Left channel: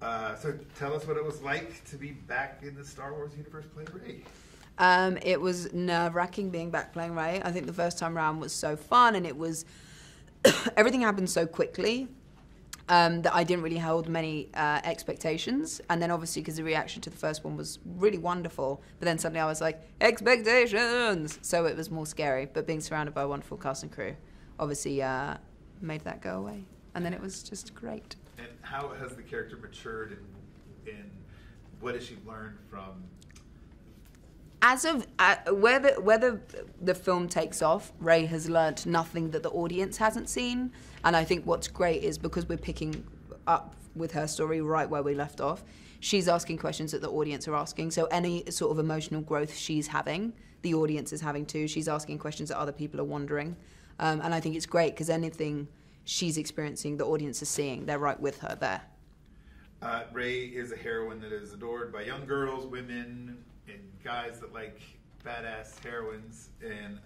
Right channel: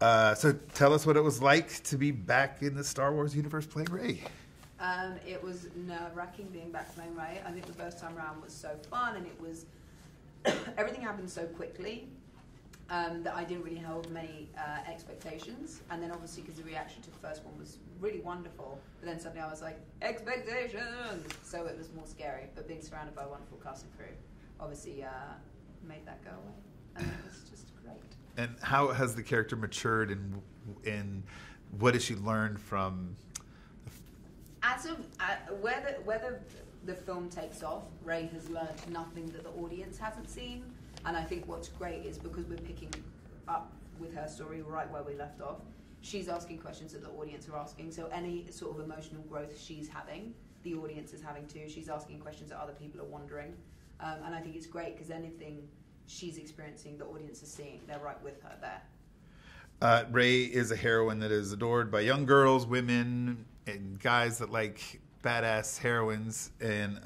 So tell us what it was like to be back in the Star Wars universe playing Rey. It was nerve-wracking being back playing Rey. I think the first time around was so fun, and it was everything happened so quickly that I didn't really hold many expectations. And then obviously because the reaction to the first one was really wonderful, but then suddenly I was like, expectations! So it was more scary, but being surrounded by a wonderful cast and crew obviously made that go away. And then it was just great. And how has the character matured, and what has she learned from? As of whether the film takes off, Rey has learnt nothing that the audience hasn't seen. And I think what's great is because we're picking up with her story right where we left off, she's asking questions that the audience are asking. So any sort of emotional growth she's having, the audience is having too. She's asking questions that other people are wondering. And I think it's great because anything she's experiencing, the audience is seeing. They're right with her there. Rey is a heroine that is adored by young girls, women, and guys that like badass heroines. And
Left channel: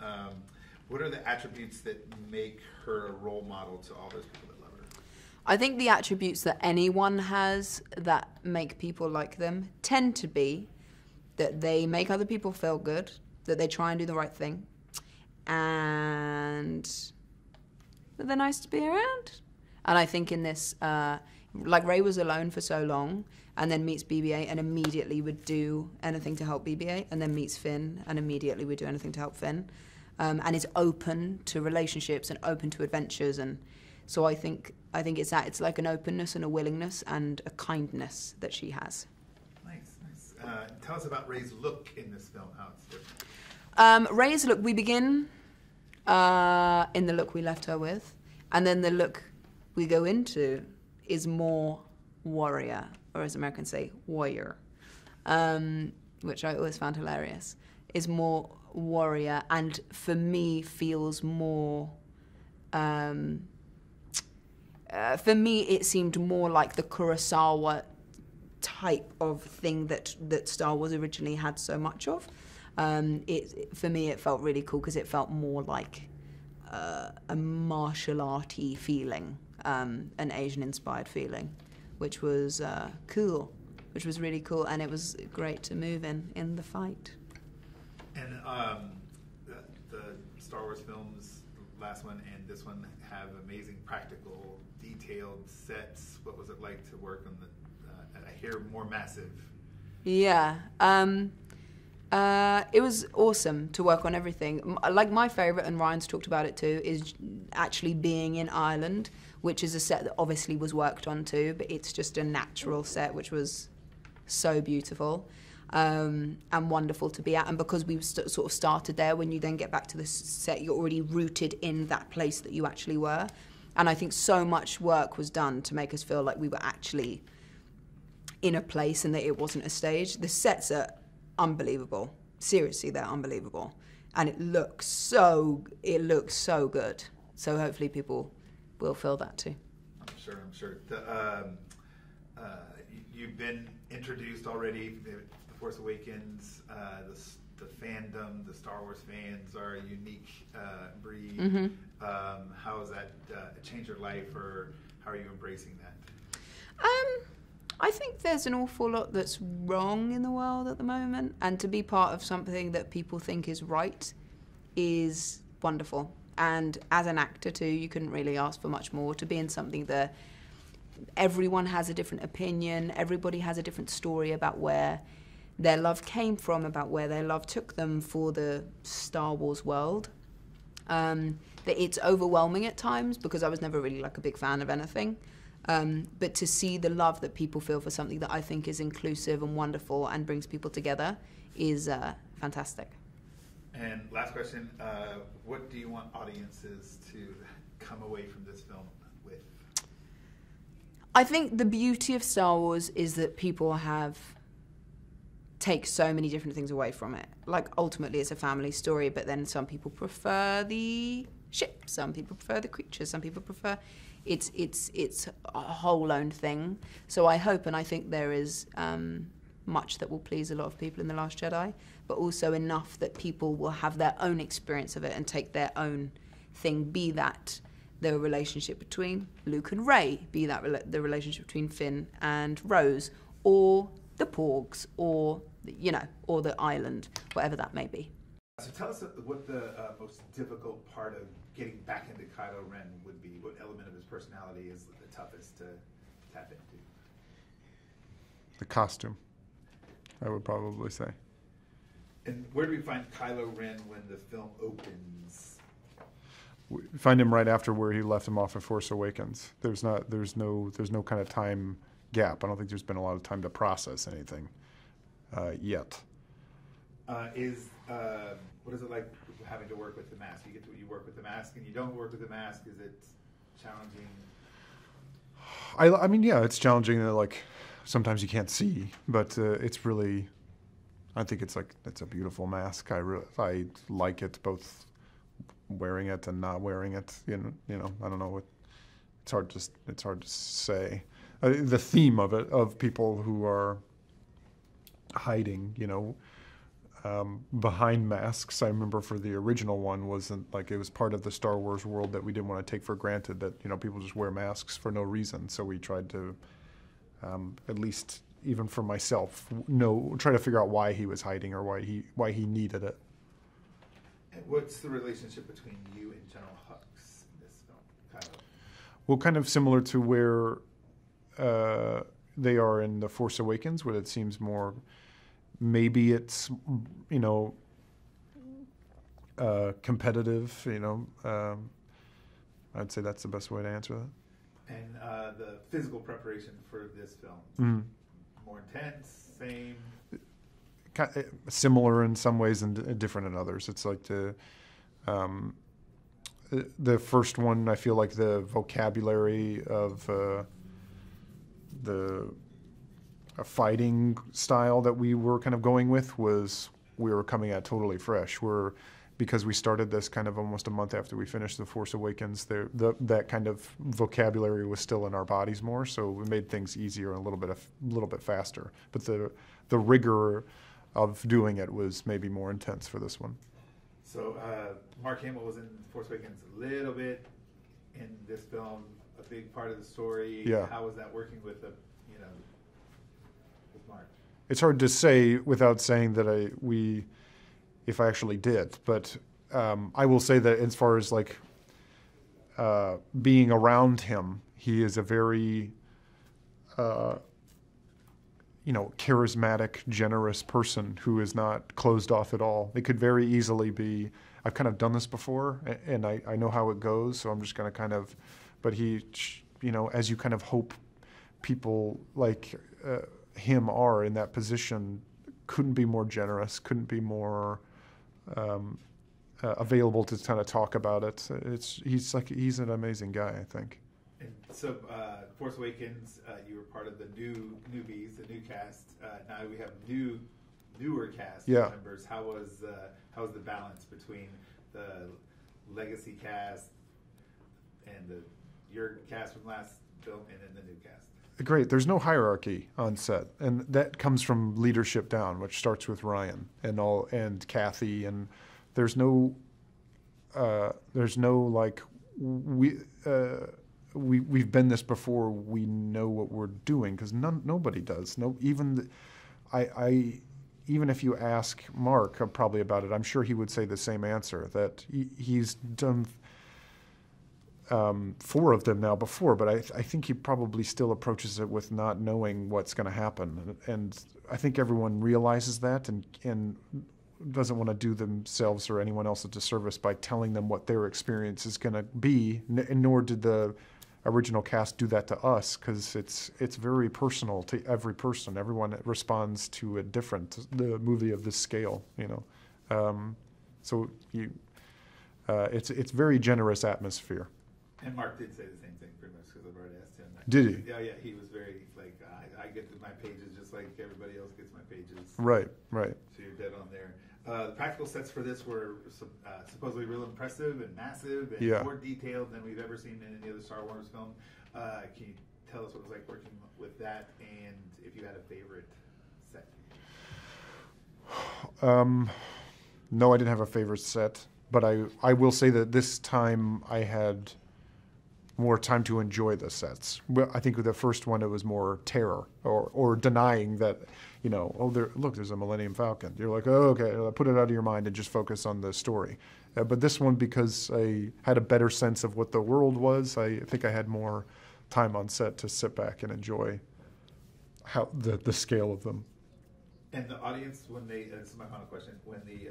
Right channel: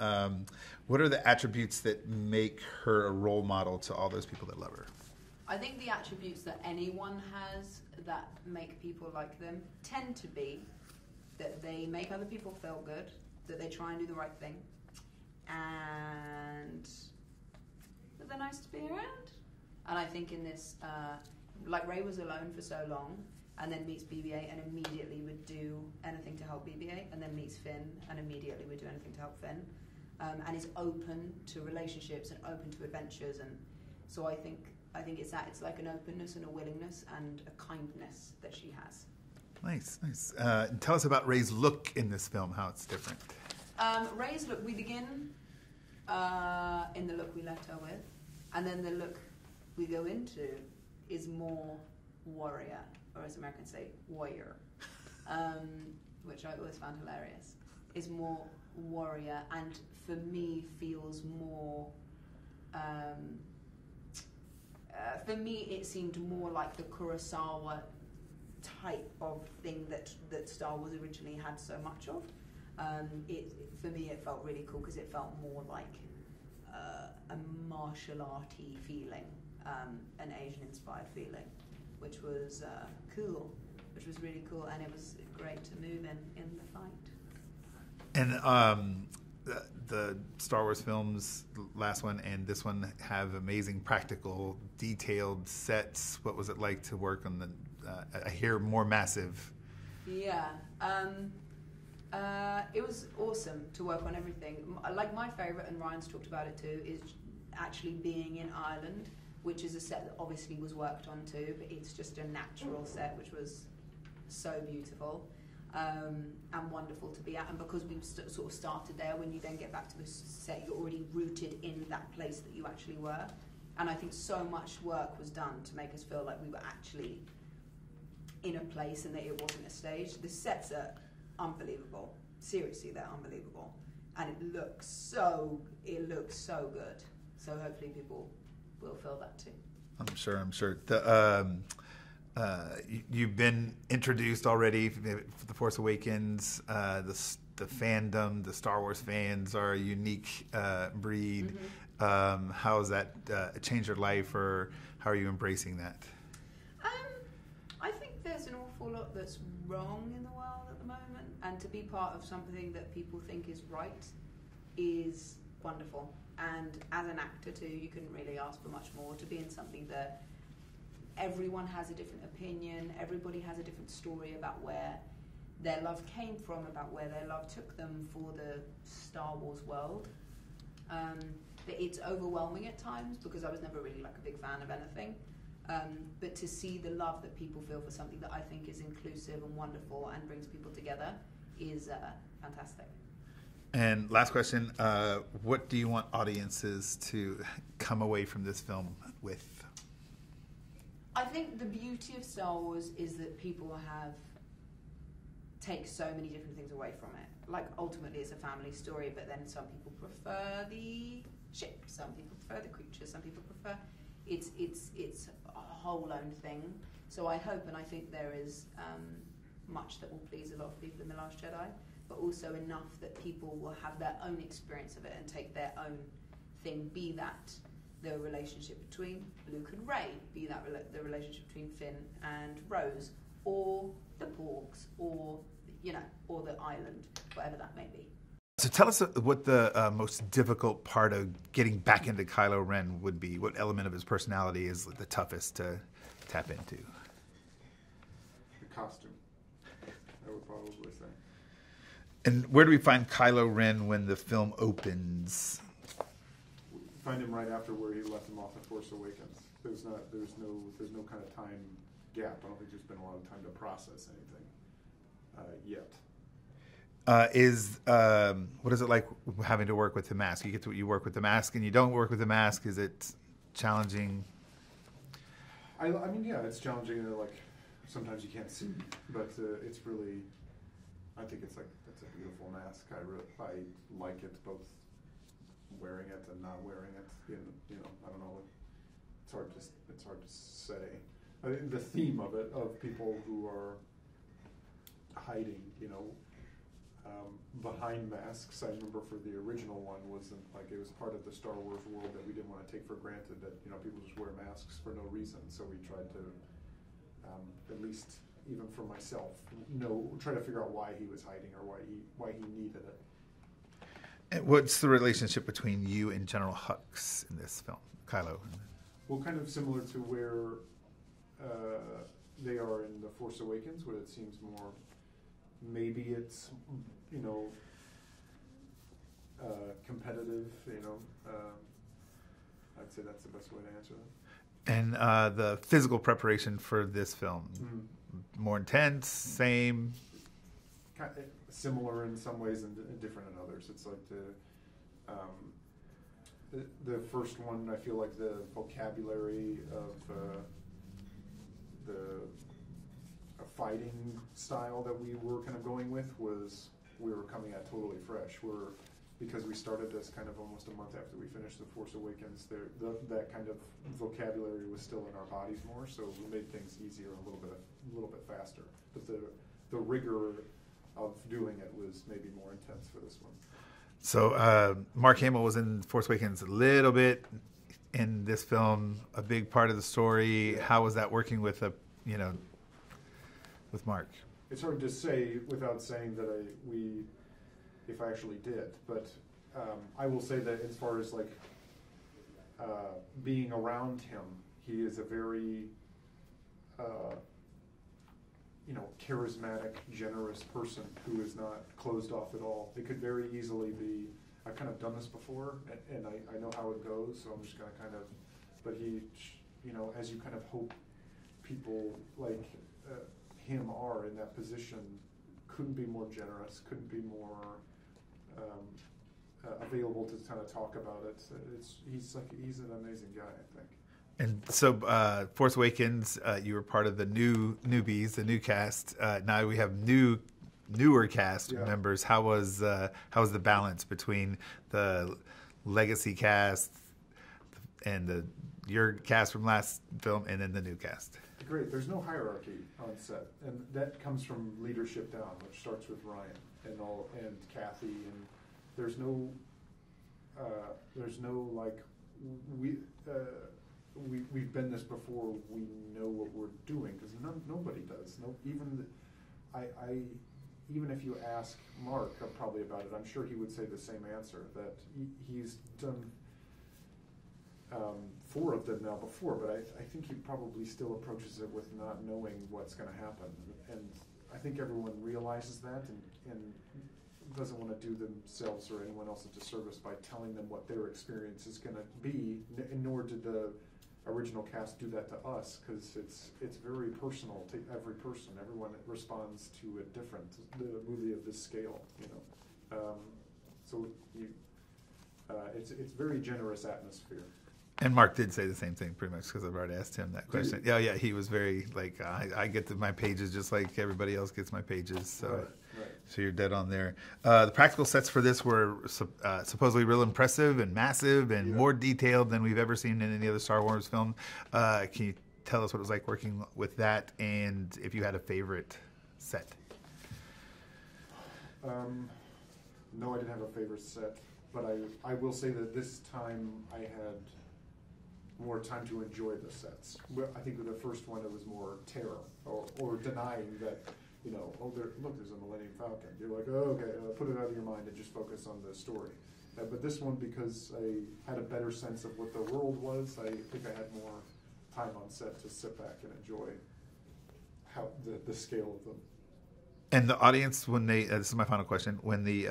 what are the attributes that make her a role model to all those people that love her? I think the attributes that anyone has that make people like them tend to be that they make other people feel good, that they try and do the right thing, and that they're nice to be around. And I think in this, like Rey was alone for so long, and then meets BB-8 and immediately would do anything to help BB-8, and then meets Finn and immediately would do anything to help Finn, and is open to relationships and open to adventures. And so I think it's that. It's like an openness and a willingness and a kindness that she has. Nice. Tell us about Rey's look in this film, how it's different. Rey's look, we begin in the look we left her with, and then the look we go into is more warrior, or as Americans say, warrior, which I always found hilarious, is more warrior, and for me feels more, for me it seemed more like the Kurosawa type of thing that Star Wars originally had so much of. For me it felt really cool because it felt more like a martial arty feeling, an Asian inspired feeling, which was cool, which was really cool, and it was great to move in the fight. And the Star Wars films, the last one and this one, have amazing practical, detailed sets. What was it like to work on I hear more massive? Yeah. It was awesome to work on everything. Like my favourite, and Ryan's talked about it too, is actually being in Ireland, which is a set that obviously was worked on too, but it's just a natural set, which was so beautiful and wonderful to be at. And because we sort of started there, when you then get back to the set, you're already rooted in that place that you actually were. And I think so much work was done to make us feel like we were actually in a place and that it wasn't a stage. The sets are unbelievable. Seriously, they're unbelievable. And it looks so good. So hopefully people will feel that too. I'm sure. You've been introduced already. The Force Awakens, the fandom, the Star Wars fans are a unique breed. Mm-hmm. How has that changed your life, or how are you embracing that? I think there's an awful lot that's wrong in the world at the moment, and to be part of something that people think is right is wonderful. And as an actor too, you couldn't really ask for much more. To be in something that everyone has a different opinion, everybody has a different story about where their love came from, about where their love took them for the Star Wars world. That it's overwhelming at times, because I was never really like a big fan of anything. But to see the love that people feel for something that I think is inclusive and wonderful and brings people together is fantastic. And last question, what do you want audiences to come away from this film with? I think the beauty of Star Wars is that people take so many different things away from it. Like, ultimately it's a family story, but then some people prefer the ship, some people prefer the creatures, some people prefer... It's a whole own thing. So I hope, and I think there is much that will please a lot of people in The Last Jedi, but also enough that people will have their own experience of it and take their own thing, be that the relationship between Luke and Rey, be that the relationship between Finn and Rose, or the Porgs, or or the island, whatever that may be. So tell us what the most difficult part of getting back into Kylo Ren would be. What element of his personality is the toughest to tap into? The costume, I would probably say. And where do we find Kylo Ren when the film opens? We find him right after where he left him off at Force Awakens. There's no kind of time gap. I don't think there's been a lot of time to process anything yet. What is it like having to work with the mask? You work with the mask and you don't work with the mask. Is it challenging? I mean, yeah, it's challenging. Like sometimes you can't see, but it's really. I think it's a beautiful mask. I like it both wearing it and not wearing it. You know, I don't know what. It's hard to say. The theme of it, of people who are hiding, behind masks. I remember for the original one wasn't like it was part of the Star Wars world that we didn't want to take for granted that people just wear masks for no reason. So we tried to, at least even for myself, try to figure out why he was hiding or why he needed it. And what's the relationship between you and General Hux in this film, Kylo? Well, kind of similar to where they are in The Force Awakens, where it seems more. Maybe it's, competitive, I'd say that's the best way to answer that. And the physical preparation for this film, more intense, same? Similar in some ways and different in others. It's like the first one, I feel like the vocabulary of a fighting style that we were kind of going with we were coming at totally fresh. Because we started this kind of almost a month after we finished The Force Awakens, that kind of vocabulary was still in our bodies more, so it made things easier and a little bit faster. But the rigor of doing it was maybe more intense for this one. So Mark Hamill was in Force Awakens a little bit. In this film, a big part of the story. Yeah. How was that working with with Mark? It's hard to say without saying that if I actually did, but I will say that as far as like being around him, he is a very charismatic, generous person who is not closed off at all. It could very easily be, I've kind of done this before, and I know how it goes, so I'm just going to kind of, but he, as you kind of hope people like him are in that position, couldn't be more generous, couldn't be more available to kind of talk about it. He's an amazing guy, I think. And so, Force Awakens, you were part of the newbies, the new cast. Now we have newer cast members. How was the balance between the legacy cast and your cast from last film, and then the new cast? Great. There's no hierarchy on set, and that comes from leadership down, which starts with Rian and Kathy, and there's no like we've been this before. We know what we're doing because nobody does. Even if you ask Mark probably about it, I'm sure he would say the same answer that he's done. 4 of them now before, but I think he probably still approaches it with not knowing what's going to happen, and I think everyone realizes that and doesn't want to do themselves or anyone else a disservice by telling them what their experience is going to be, nor did the original cast do that to us, because it's very personal to every person. Everyone responds to the movie of this scale, so it's very generous atmosphere. And Mark did say the same thing pretty much because I've already asked him that question. Did he? Yeah, he was very like, I get my pages just like everybody else gets my pages. So, right. So you're dead on there. The practical sets for this were supposedly real impressive and massive and more detailed than we've ever seen in any other Star Wars film. Can you tell us what it was like working with that, and if you had a favorite set? No, I didn't have a favorite set, but I will say that this time I had more time to enjoy the sets. Well, I think with the first one, it was more terror or denying that, there's a Millennium Falcon. You're like, oh, okay, put it out of your mind and just focus on the story. But this one, because I had a better sense of what the world was, I think I had more time on set to sit back and enjoy how the scale of them. And the audience, when they, this is my final question, when the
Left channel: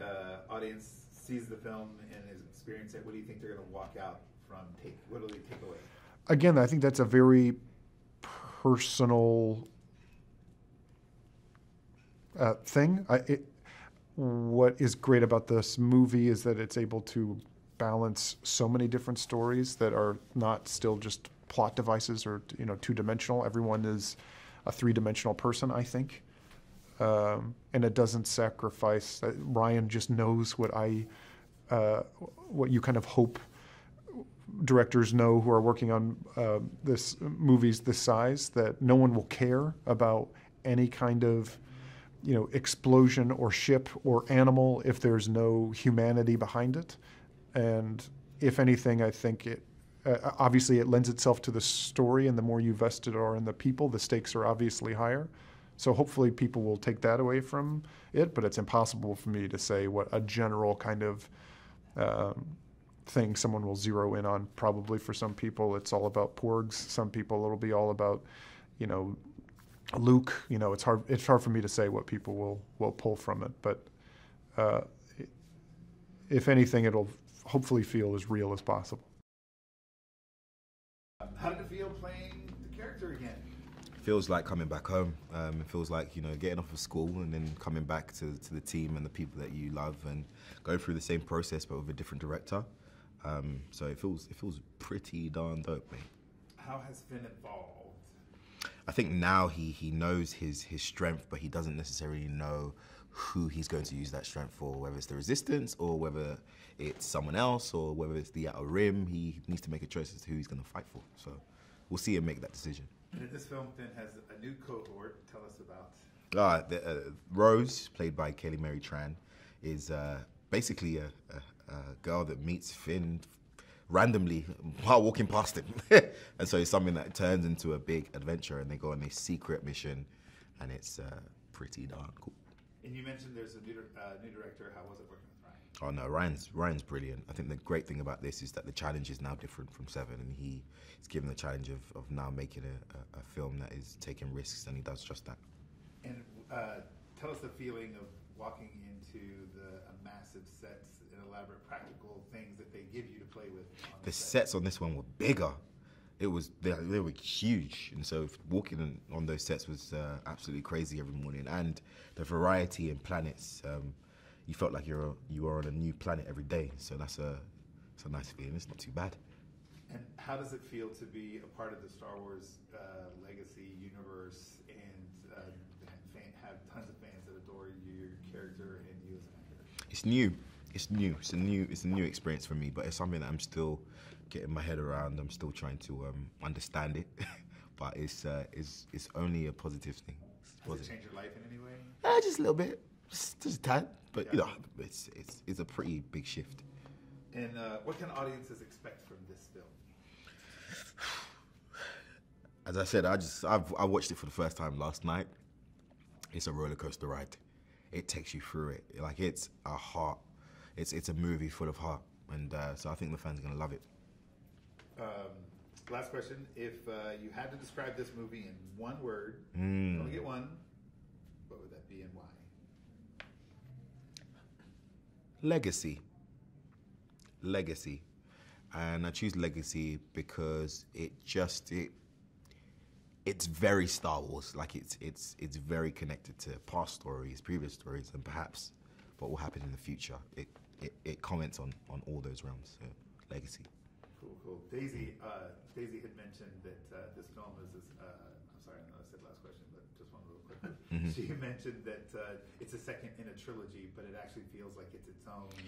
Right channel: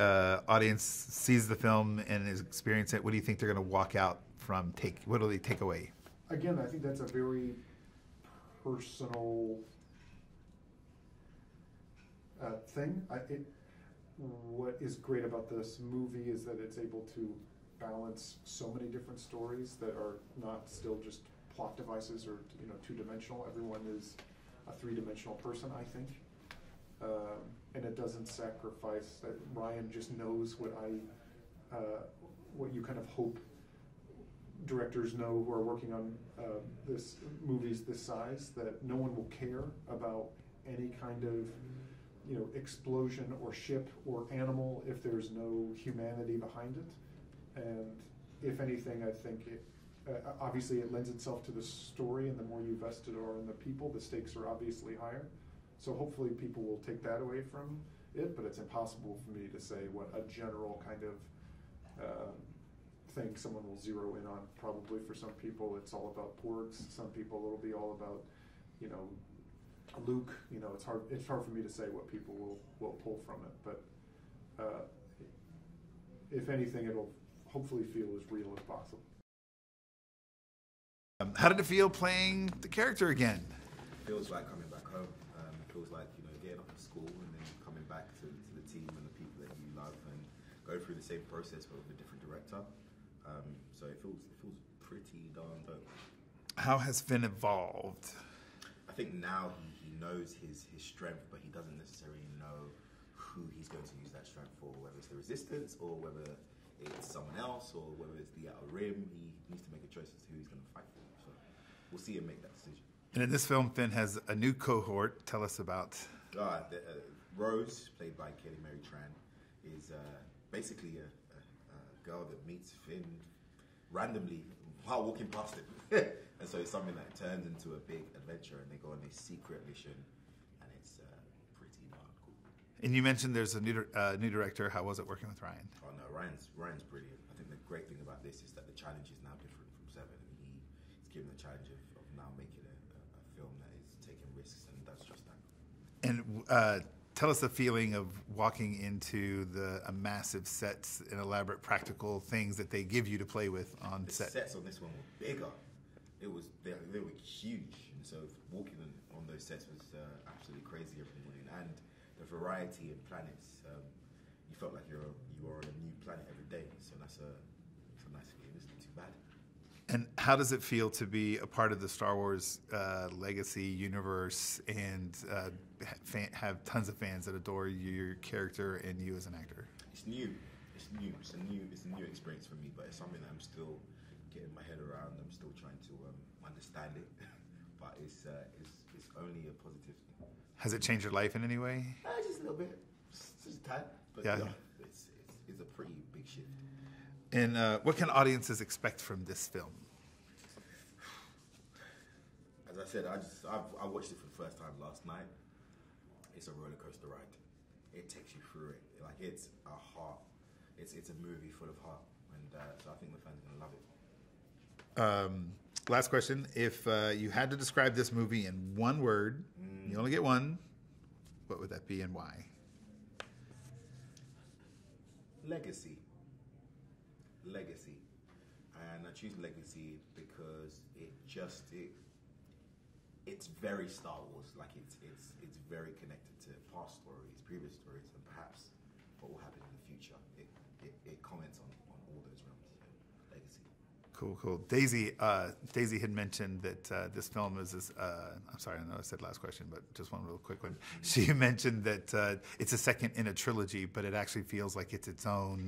audience sees the film and is experiencing it, what do you think they're going to walk out from? What do they take away? Again, I think that's a very personal thing. What is great about this movie is that it's able to balance so many different stories that are not still just plot devices or two-dimensional. Everyone is a three-dimensional person, I think. And it doesn't sacrifice. Rian just knows what you kind of hope directors know who are working on movies this size, that no one will care about any kind of explosion or ship or animal if there's no humanity behind it. And if anything, I think it obviously it lends itself to the story, and the more you vested are in the people, the stakes are obviously higher. So hopefully people will take that away from it, but it's impossible for me to say what a general kind of thing someone will zero in on. Probably for some people it's all about porgs. Some people it'll be all about, Luke. It's hard for me to say what people will pull from it. But if anything, it'll hopefully feel as real as possible. How did it feel playing the character again? Feels like coming back home. It feels like getting off of school and then coming back to the team and the people that you love and going through the same process but with a different director. So it feels pretty darn dope. How has Finn evolved? I think now he knows his strength, but he doesn't necessarily know who he's going to use that strength for, whether it's the Resistance or whether it's someone else or whether it's the Outer Rim. He needs to make a choice as to who he's going to fight for. So we'll see him make that decision. And in this film, Finn has a new cohort. Tell us about. Rose, played by Kelly Mary Tran, is basically a girl that meets Finn randomly while walking past him. And so it's something that turns into a big adventure, and they go on a secret mission, and it's pretty darn cool. And you mentioned there's a new director. How was it working with Rian? Oh no, Ryan's brilliant. I think the great thing about this is that the challenge is now different from Seven, and he's given the challenge of now making a film that is taking risks, and he does just that. And tell us the feeling of walking into a massive sets and elaborate practical things that they give you to play with on the set. The sets on this one were bigger. They were huge, and so walking on those sets was absolutely crazy every morning. And the variety in planets, you felt like you are on a new planet every day. So it's a nice feeling. It's not too bad. And how does it feel to be a part of the Star Wars legacy universe and have tons of fans that adore your character and you as an actor? It's new. It's a new experience for me, but it's something that I'm still getting my head around. I'm still trying to understand it, but it's only a positive thing. Has it changed your life in any way? Just a little bit, just a tad, but yeah. It's a pretty big shift. And what can audiences expect from this film? As I said, I watched it for the first time last night. It's a roller coaster ride. It takes you through it. Like it's a movie full of heart, and so I think the fans are gonna love it. Last question: if you had to describe this movie in one word, you only get one, what would that be and why? Legacy. And I choose legacy because it's very Star Wars. Like it's very connected to past stories, previous stories, and perhaps what will happen in the future. It comments on all those realms. So, legacy. Cool. Daisy had mentioned that this film is this. I'm sorry, I know I said last question, but just one real quick one. Mm-hmm. She mentioned that it's a second in a trilogy, but it actually feels like it's its own.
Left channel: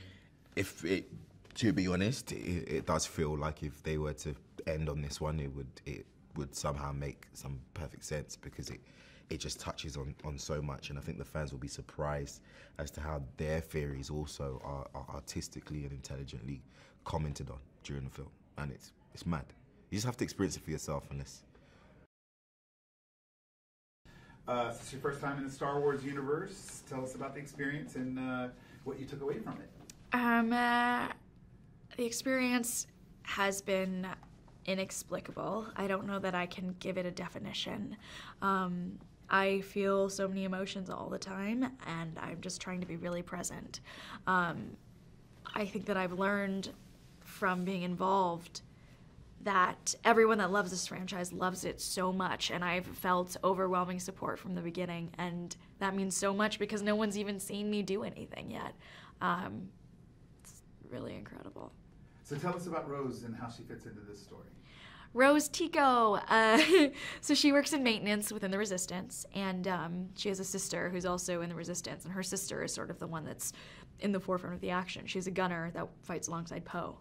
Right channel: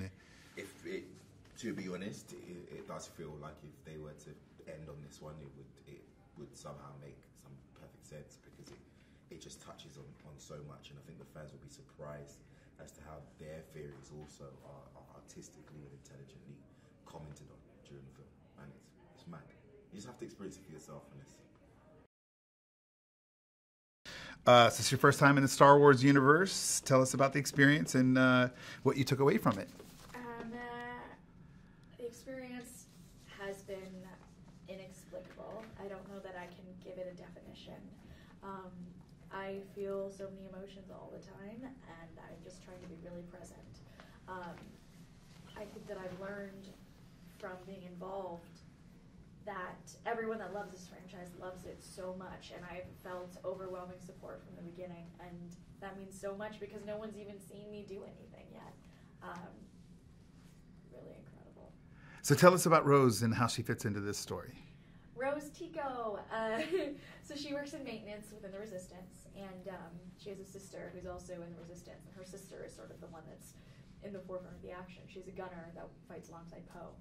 To be honest, it does feel like if they were to end on this one, it would somehow make some perfect sense, because it just touches on so much, and I think the fans will be surprised as to how their theories also are artistically and intelligently commented on during the film, and it's mad. You just have to experience it for yourself in this. So it's your first time in the Star Wars universe. Tell us about the experience and what you took away from it. The experience has been inexplicable. I don't know that I can give it a definition. I feel so many emotions all the time, and I'm just trying to be really present. I think that I've learned from being involved that everyone that loves this franchise loves it so much, and I've felt overwhelming support from the beginning, and that means so much because no one's even seen me do anything yet. It's really incredible. So tell us about Rose and how she fits into this story. Rose Tico. So she works in maintenance within the Resistance, and she has a sister who's also in the Resistance, and her sister is sort of the one that's in the forefront of the action. She's a gunner that fights alongside Poe.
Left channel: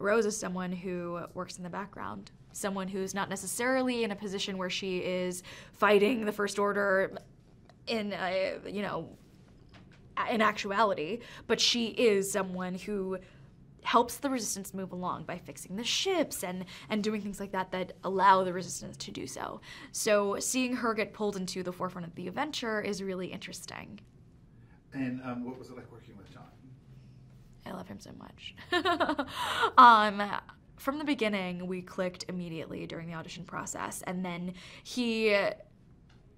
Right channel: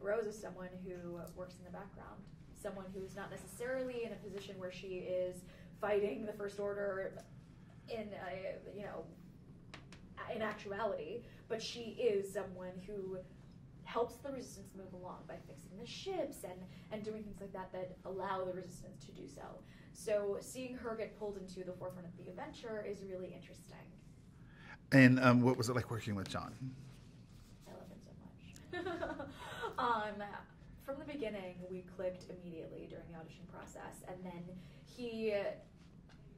Rose is someone who works in the background, someone who's not necessarily in a position where she is fighting the First Order in, in actuality, but she is someone who helps the Resistance move along by fixing the ships and doing things like that that allow the Resistance to do so. So seeing her get pulled into the forefront of the adventure is really interesting. And what was it like working with John? I love him so much. From the beginning, we clicked immediately during the audition process, and then he,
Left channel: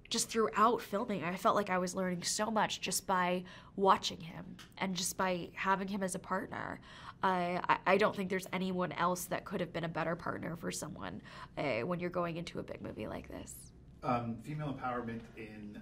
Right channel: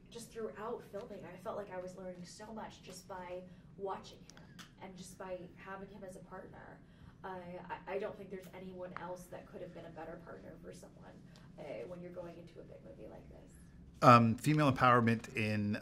just throughout filming, I felt like I was learning so much just by watching him and just by having him as a partner. I don't think there's anyone else that could have been a better partner for someone when you're going into a big movie like this. Female empowerment in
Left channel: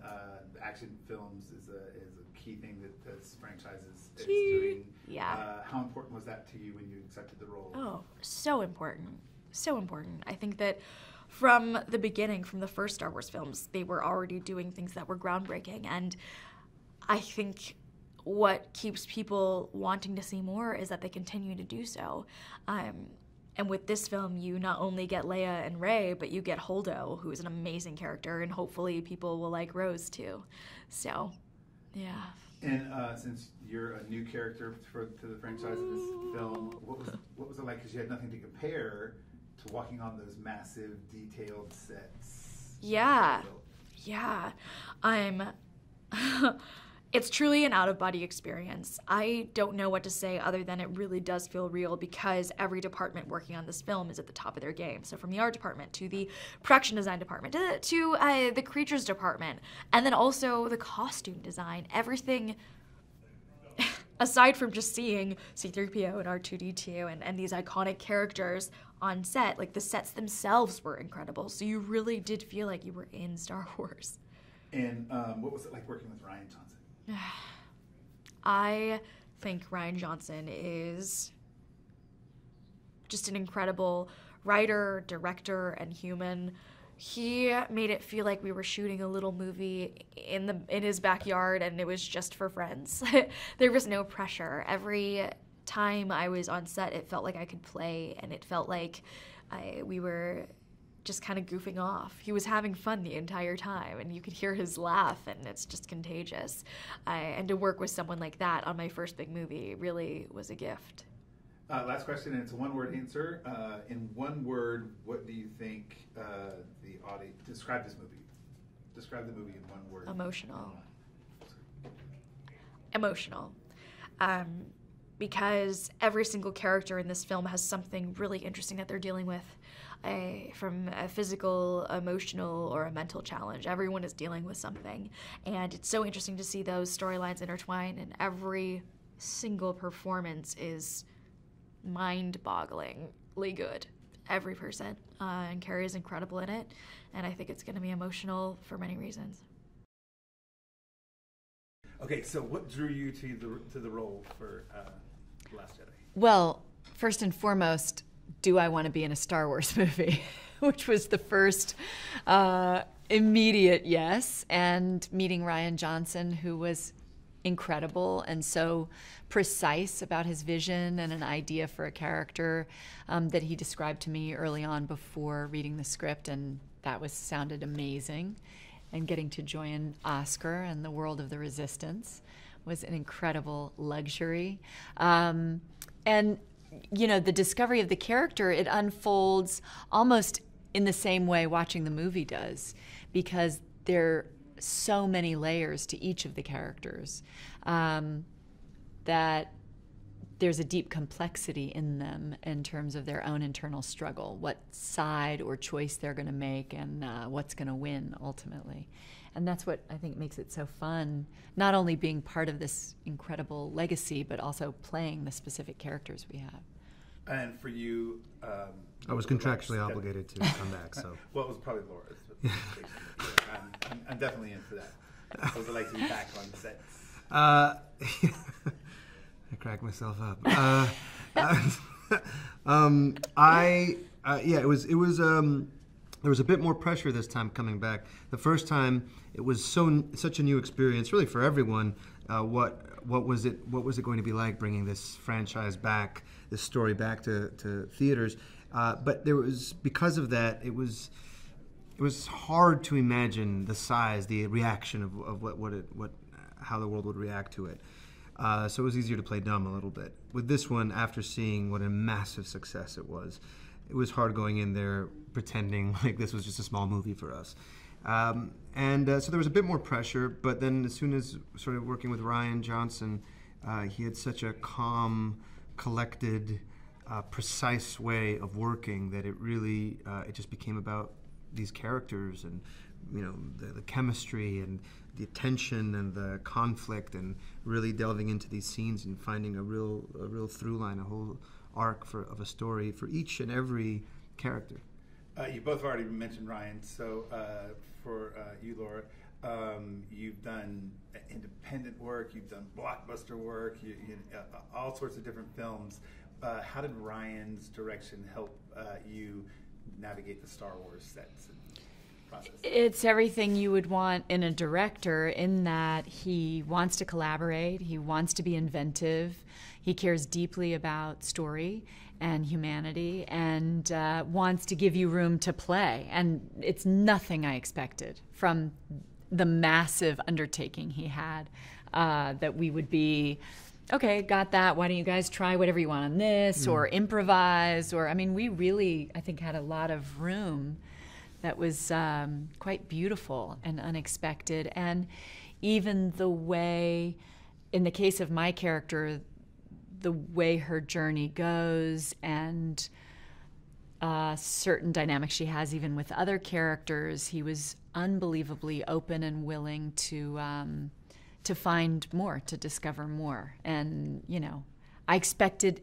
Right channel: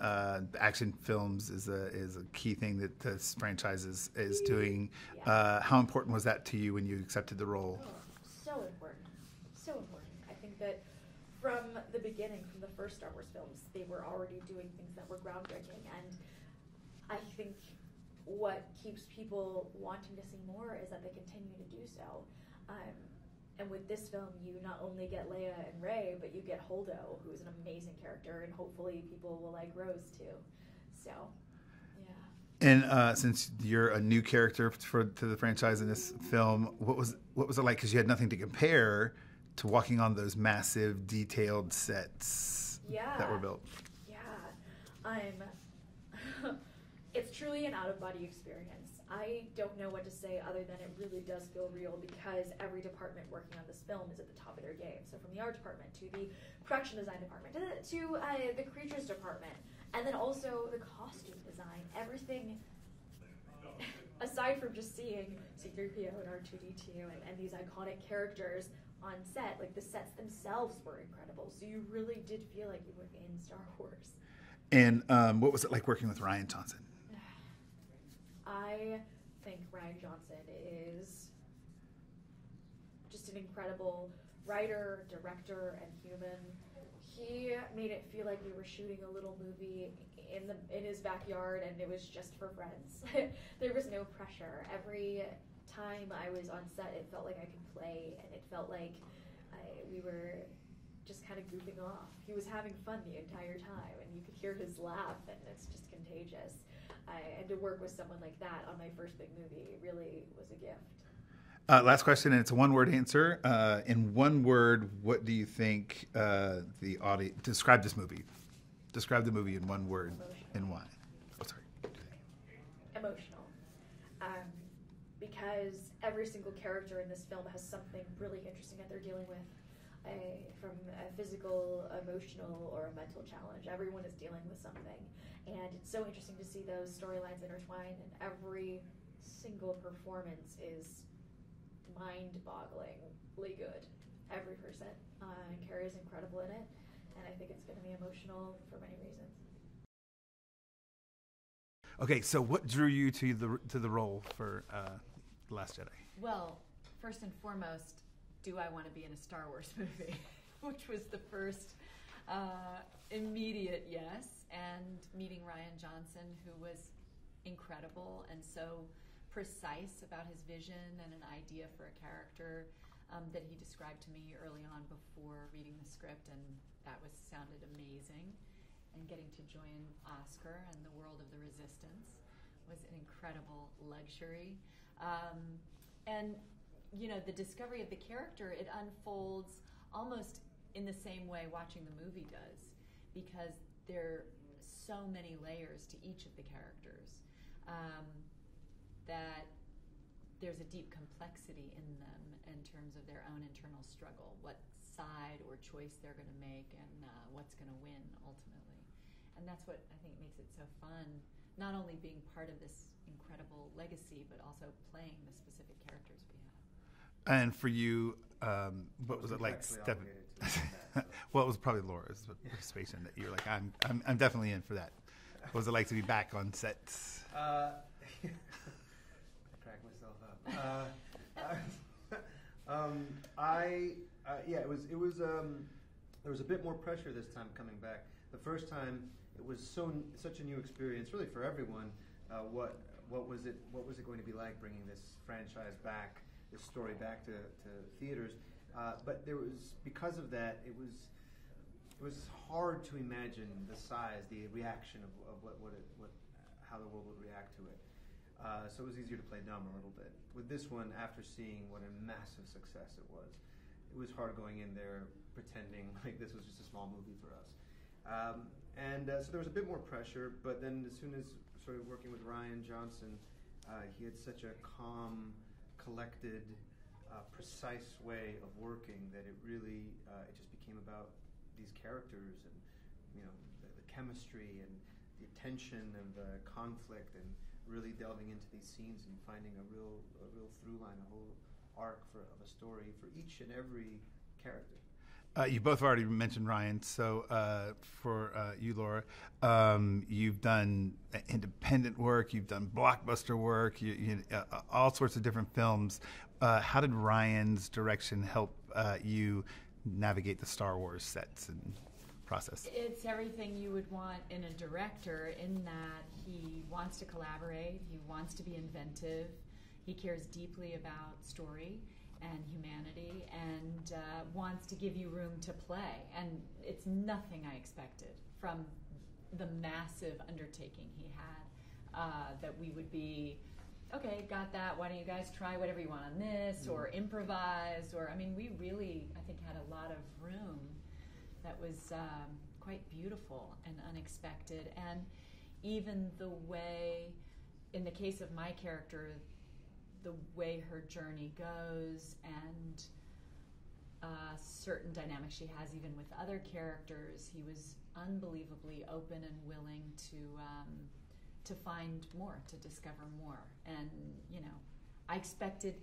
action films is a key thing that this franchise is doing. Yeah. How important was that to you when you accepted the role? Oh, so important. So important. I think that from the beginning, from the first Star Wars films, they were already doing things that were groundbreaking. And I think what keeps people wanting to see more is that they continue to do so. And with this film, you not only get Leia and Rey, but you get Holdo, who is an amazing character, and hopefully people will like Rose too. So, yeah. And since you're a new character to the franchise in this film, what was it like? Because you had nothing to compare to walking on those massive, detailed sets. Yeah. That were built. Yeah. It's truly an out-of-body experience. I don't know what to say other than it really does feel real because every department working on this film is at the top of their game. So from the art department to the production design department to the creatures department, and then also the costume design, everything aside from just seeing C-3PO and R2-D2 and these iconic characters on set, like the sets themselves were incredible. So you really did feel like you were in Star Wars. And what was it like working with Rian Johnson? I think Rian Johnson is just an incredible writer, director, and human. He made it feel like we were shooting a little movie in his backyard, and it was just for friends. There was no pressure. Every time I was on set, it felt like I could play, and it felt like we were just kind of goofing off. He was having fun the entire time, and you could hear his laugh, and it's just contagious. And to work with someone like that on my first big movie really was a gift. Last question, and it's a one-word answer. In one word, what do you think the audience... Describe this movie. Describe the movie in one word. Emotional. And why? Oh, sorry. Emotional. Because every single character in this film has something really interesting that they're dealing with. From a physical, emotional, or a mental challenge. Everyone is dealing with something. And it's so interesting to see those storylines intertwine, and every single performance is mind-bogglingly good. Every person. And Carrie is incredible in it, and I think it's going to be emotional for many reasons. Okay, so what drew you to the role for The Last Jedi? Well, first and foremost, do I want to be in a Star Wars movie? Which was the first immediate yes. And meeting Rian Johnson, who was incredible and so precise about his vision and an idea for a character that he described to me early on before reading the script, and that sounded amazing. And getting to join Oscar and the world of the Resistance was an incredible luxury. And the discovery of the character, it unfolds almost in the same way watching the movie does, because there are so many layers to each of the characters that there's a deep complexity in them in terms of their own internal struggle, what side or choice they're going to make, and what's going to win ultimately. And that's what I think makes it so fun, not only being part of this incredible legacy, but also playing the specific characters we have. And for you, I was contractually obligated to come back. So well, it was probably Laura's participation. That you like, I'm definitely in for that. What was it like to be back on sets? I cracked myself up. It was there was a bit more pressure this time coming back. The first time it was such a new experience, really for everyone. What was it going to be like bringing this franchise back, this story back to theaters? But there was, because of that, it was hard to imagine the size, the reaction of how the world would react to it. So it was easier to play dumb a little bit. With this one, after seeing what a massive success it was hard going in there pretending like this was just a small movie for us. So there was a bit more pressure, but then as soon as I started working with Rian Johnson, he had such a calm, collected, precise way of working that it really, it just became about these characters and, the chemistry and the tension and the conflict, and really delving into these scenes and finding a real through line, a whole arc of a story for each and every character. You both already mentioned Rian, so for you, Laura, you've done independent work, you've done blockbuster work, all sorts of different films. How did Rian's direction help you navigate the Star Wars sets and process? It's everything you would want in a director, in that he wants to collaborate, he wants to be inventive, he cares deeply about story and humanity, and wants to give you room to play. And it's nothing I expected from the massive undertaking he had, that we would be, okay, got that, why don't you guys try whatever you want on this, or improvise, or, we really, I think, had a lot of room that was quite beautiful and unexpected. And even the way, in the case of my character, the way her journey goes, and certain dynamics she has even with other characters, he was unbelievably open and willing to find more, to discover more. And, I expected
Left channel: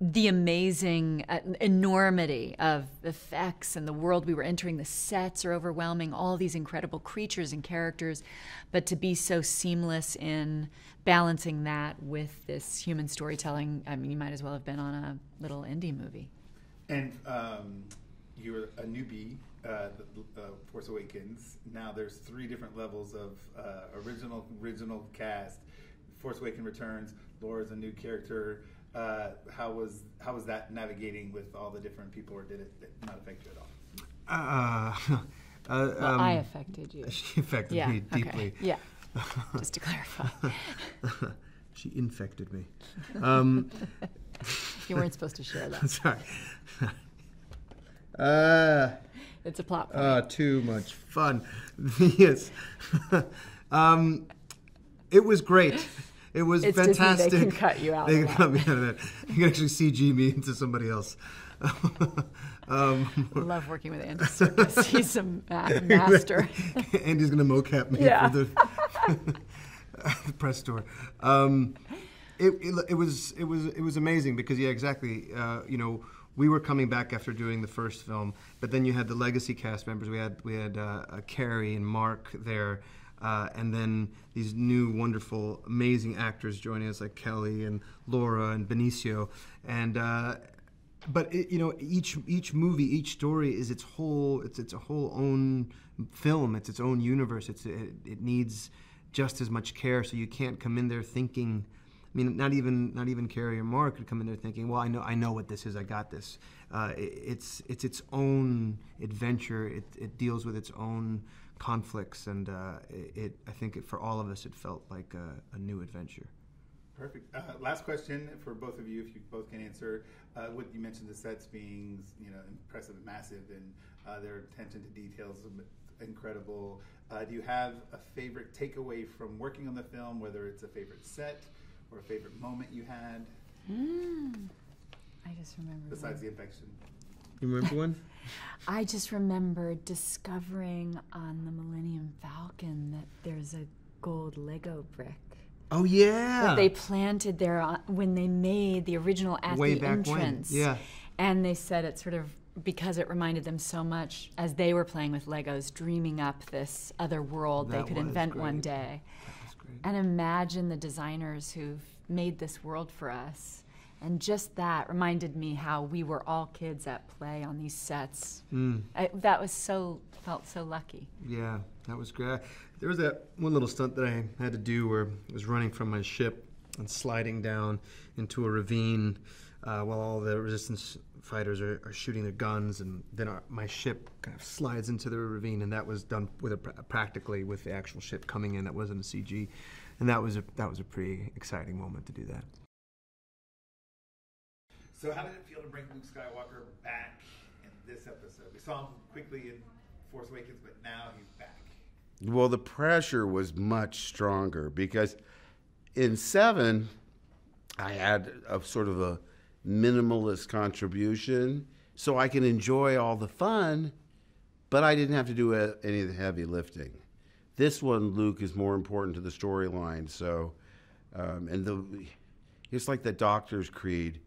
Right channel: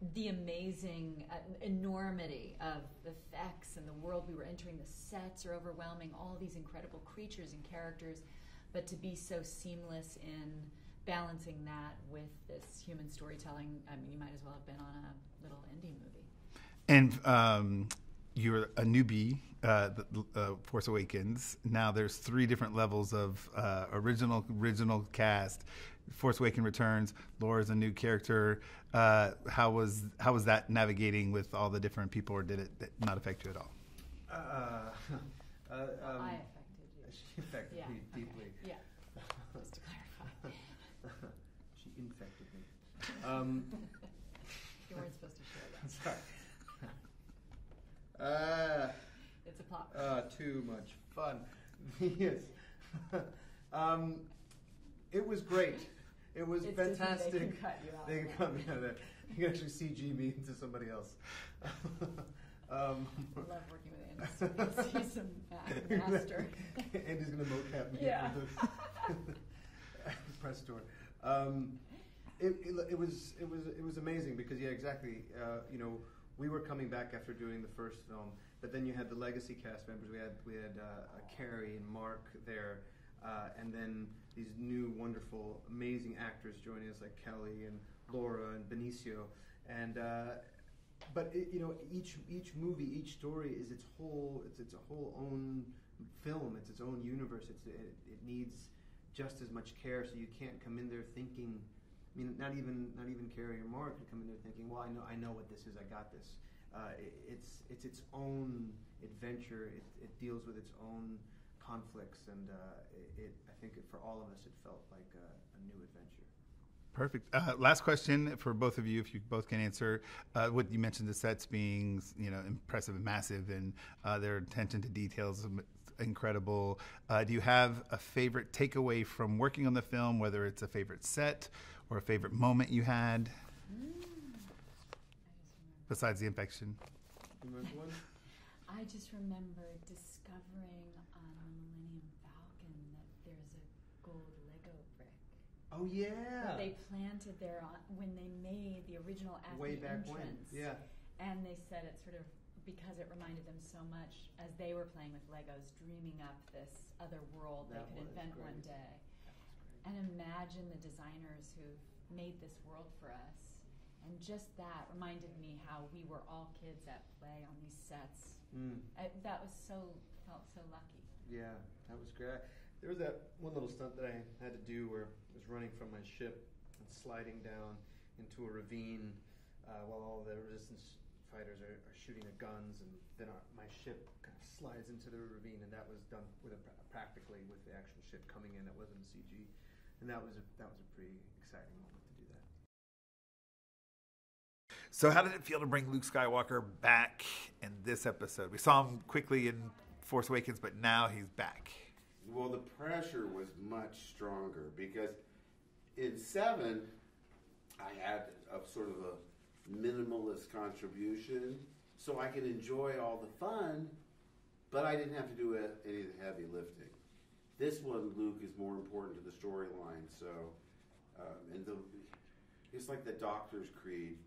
the amazing enormity of effects and the world we were entering. The sets are overwhelming, all these incredible creatures and characters, but to be so seamless in balancing that with this human storytelling, you might as well have been on a little indie movie. And you're a newbie, Force Awakens. Now there's 3 different levels of original cast. Force Awakens Returns. Laura's a new character. How was that navigating with all the different people, or did it not affect you at all? Well, I affected you. She affected me deeply. Okay. Yeah, just to clarify. She infected me. You weren't supposed to share that. Sorry. It's a plot point. Too much fun. Yes. It was great. It was it's fantastic. Disney, they can cut you out. They can cut me out of that. You can actually CG me into somebody else. I love working with Andy Serkis. He's a master. Andy's gonna mocap me for the press tour. It was amazing because exactly. We were coming back after doing the first film, but then you had the legacy cast members. We had Carrie and Mark there, and then these new wonderful, amazing actors joining us, like Kelly and Laura and Benicio, and. But each movie, each story is its whole own film. It's its own universe. It needs just as much care. So you can't come in there thinking. Not even Carrie or Mark could come in there thinking, well, I know what this is. I got this. It's its own adventure. It deals with its own conflicts, and I think for all of us, it felt like a new adventure. Perfect. Last question for both of you, if you both can answer. What you mentioned, the sets being, impressive and massive, and their attention to details is incredible. Do you have a favorite takeaway from working on the film, whether it's a favorite set or a favorite moment you had? I just remember. Besides the infection. You remember one? I just remember discovering on the Millennium Falcon that there's a gold Lego brick. Oh yeah. That they planted there when they made the original at Way the back entrance. when. Yeah. And they said it sort of because it reminded them so much as they were playing with Legos, dreaming up this other world they That could was invent one great. day. That was great. And imagine the designers who've made this world for us. And just that reminded me how we were all kids at play on these sets. That was felt so lucky. Yeah, that was great. There was that one little stunt that I had to do where I was running from my ship and sliding down into a ravine while all the resistance fighters are shooting their guns, and then my ship kind of slides into the ravine, and that was done with practically with the actual ship coming in. That wasn't a CG, and that was a pretty exciting moment to do that. So how did it feel to bring Luke Skywalker back in this episode? We saw him quickly in Force Awakens, but now he's back. Well, the pressure was much stronger because in 7, I had a sort of a minimalist contribution, so I can enjoy all the fun, but I didn't have to do any of the heavy lifting. This one, Luke is more important to the storyline, so, it's like the Doctor's Creed.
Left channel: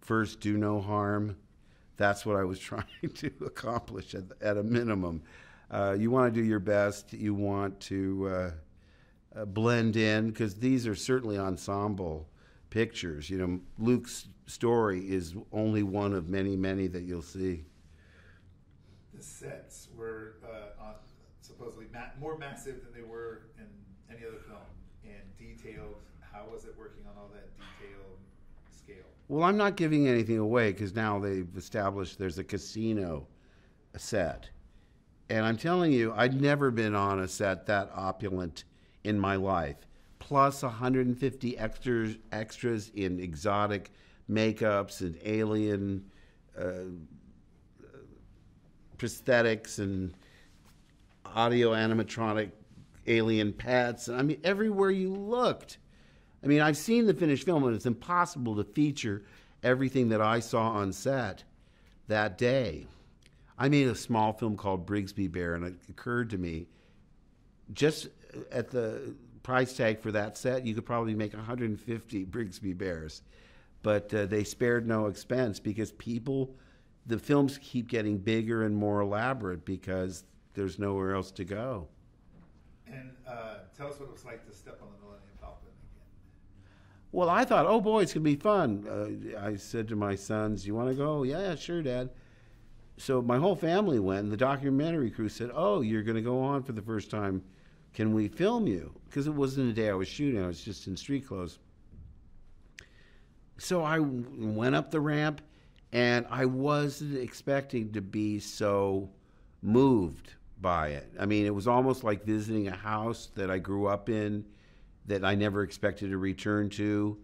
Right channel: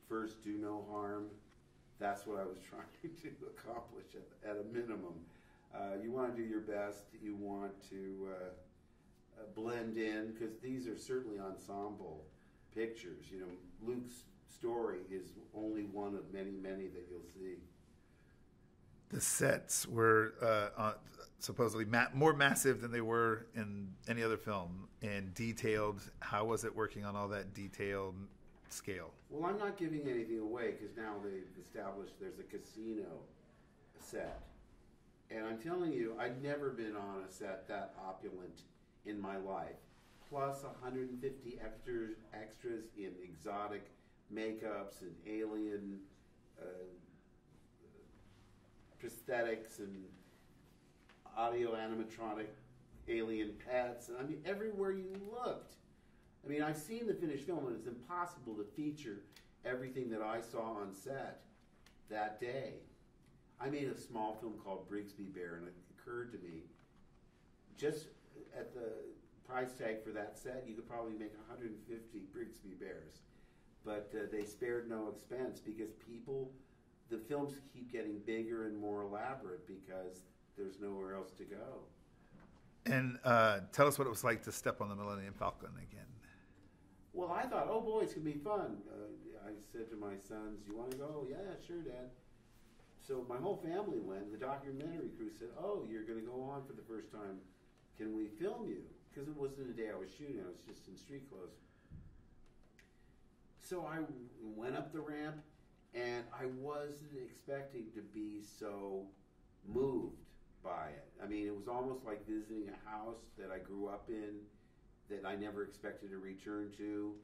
First, do no harm. That's what I was trying to accomplish at a minimum. You want to do your best. You want to blend in, because these are certainly ensemble pictures. Luke's story is only one of many, many that you'll see. The sets were supposedly more massive than they were in any other film, and detailed. How was it working on all that detailed scale? Well, I'm not giving anything away because now they've established there's a casino set. And I'm telling you, I'd never been on a set that opulent in my life. Plus 150 extras in exotic makeups and alien prosthetics and audio animatronic alien pets. I mean, everywhere you looked. I mean, I've seen the finished film, and it's impossible to feature everything that I saw on set that day. I made a small film called Brigsby Bear, and it occurred to me, just at the price tag for that set, you could probably make 150 Brigsby Bears. But they spared no expense because the films keep getting bigger and more elaborate because there's nowhere else to go. And tell us what it was like to step on the Millennium Falcon again. Well, I thought, oh boy, it's going to be fun. I said to my sons, you want to go? Yeah, sure, Dad. So my whole family went, and the documentary crew said, oh, you're going to go on for the first time. Can we film you? Because it wasn't a day I was shooting. I was just in street clothes. So I went up the ramp, and I wasn't expecting to be so moved by it. I mean, it was almost like visiting a house that I grew up in that I never expected to return to.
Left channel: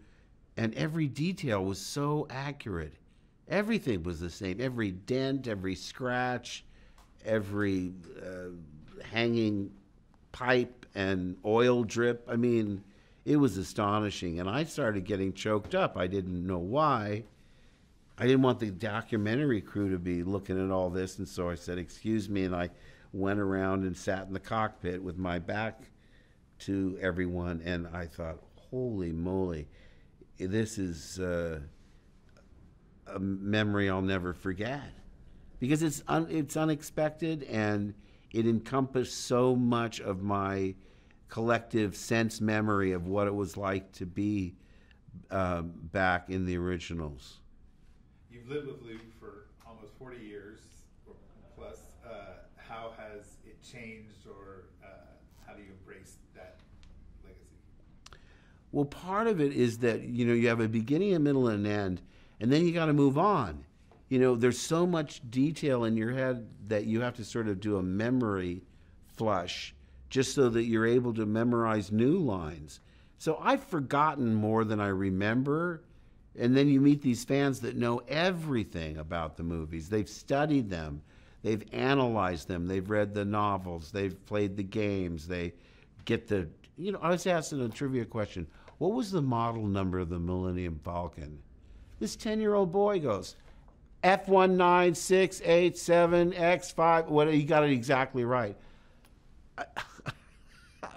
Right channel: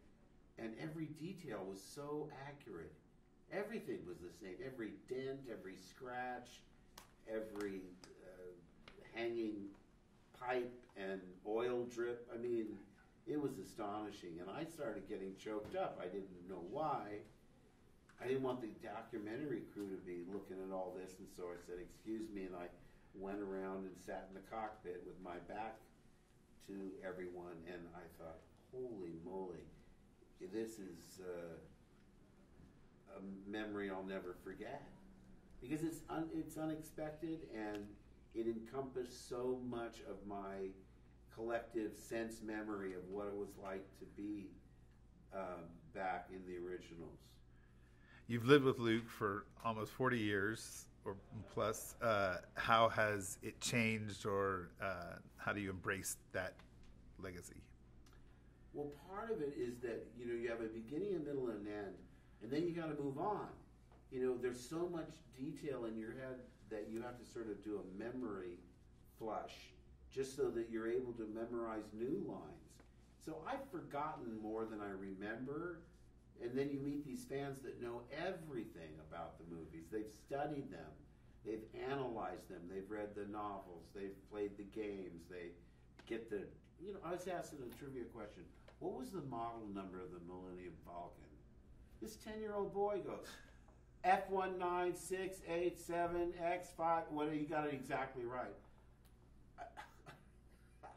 And every detail was so accurate. Everything was the same. Every dent, every scratch, every hanging pipe and oil drip. I mean, it was astonishing. And I started getting choked up. I didn't know why. I didn't want the documentary crew to be looking at all this. And so I said, excuse me. And I went around and sat in the cockpit with my back to everyone. And I thought, holy moly, this is a memory I'll never forget. Because it's unexpected, and it encompassed so much of my collective sense memory of what it was like to be back in the originals. You've lived with Luke for almost 40 years or plus. How has it changed, or how do you embrace that legacy? Well, part of it is that, you have a beginning, a middle, and an end, and then you got to move on. There's so much detail in your head that you have to sort of do a memory flush just so that you're able to memorize new lines. So I've forgotten more than I remember. And then you meet these fans that know everything about the movies. They've studied them. They've analyzed them. They've read the novels. They've played the games. They get the, I was asking a trivia question. What was the model number of the Millennium Falcon? This 10-year-old boy goes, F19687X5. What, he got it exactly right.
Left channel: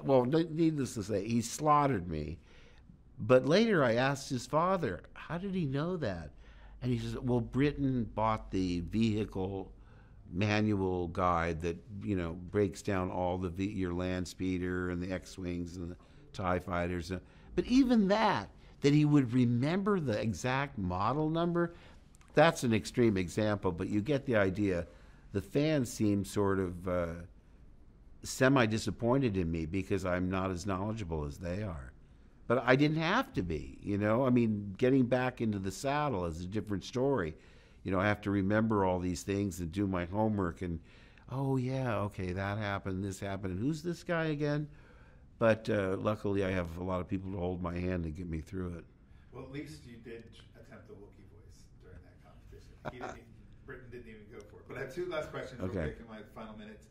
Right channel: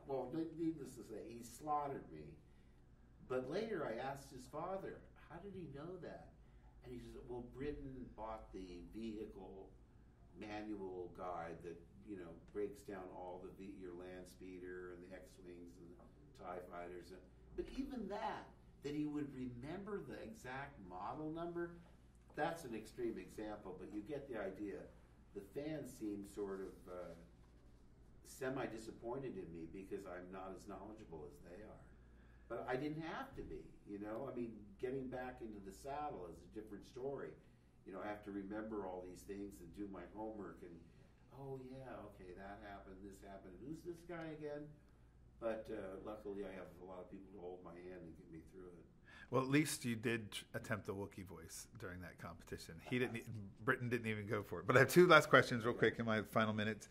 Well, needless to say, he slaughtered me. But later I asked his father, how did he know that? And he says, well, Britain bought the vehicle manual guide that, breaks down all your land speeder and the X-Wings and the TIE fighters. But even that he would remember the exact model number, that's an extreme example, but you get the idea. The fans seem sort of semi-disappointed in me because I'm not as knowledgeable as they are. But I didn't have to be, getting back into the saddle is a different story. I have to remember all these things and do my homework and, oh yeah, okay, that happened, this happened, and who's this guy again? But luckily I have a lot of people to hold my hand and get me through it. Well, at least you did attempt the Wookiee voice during that competition. Britain didn't even go for it. But I have two last questions real quick in my final minutes.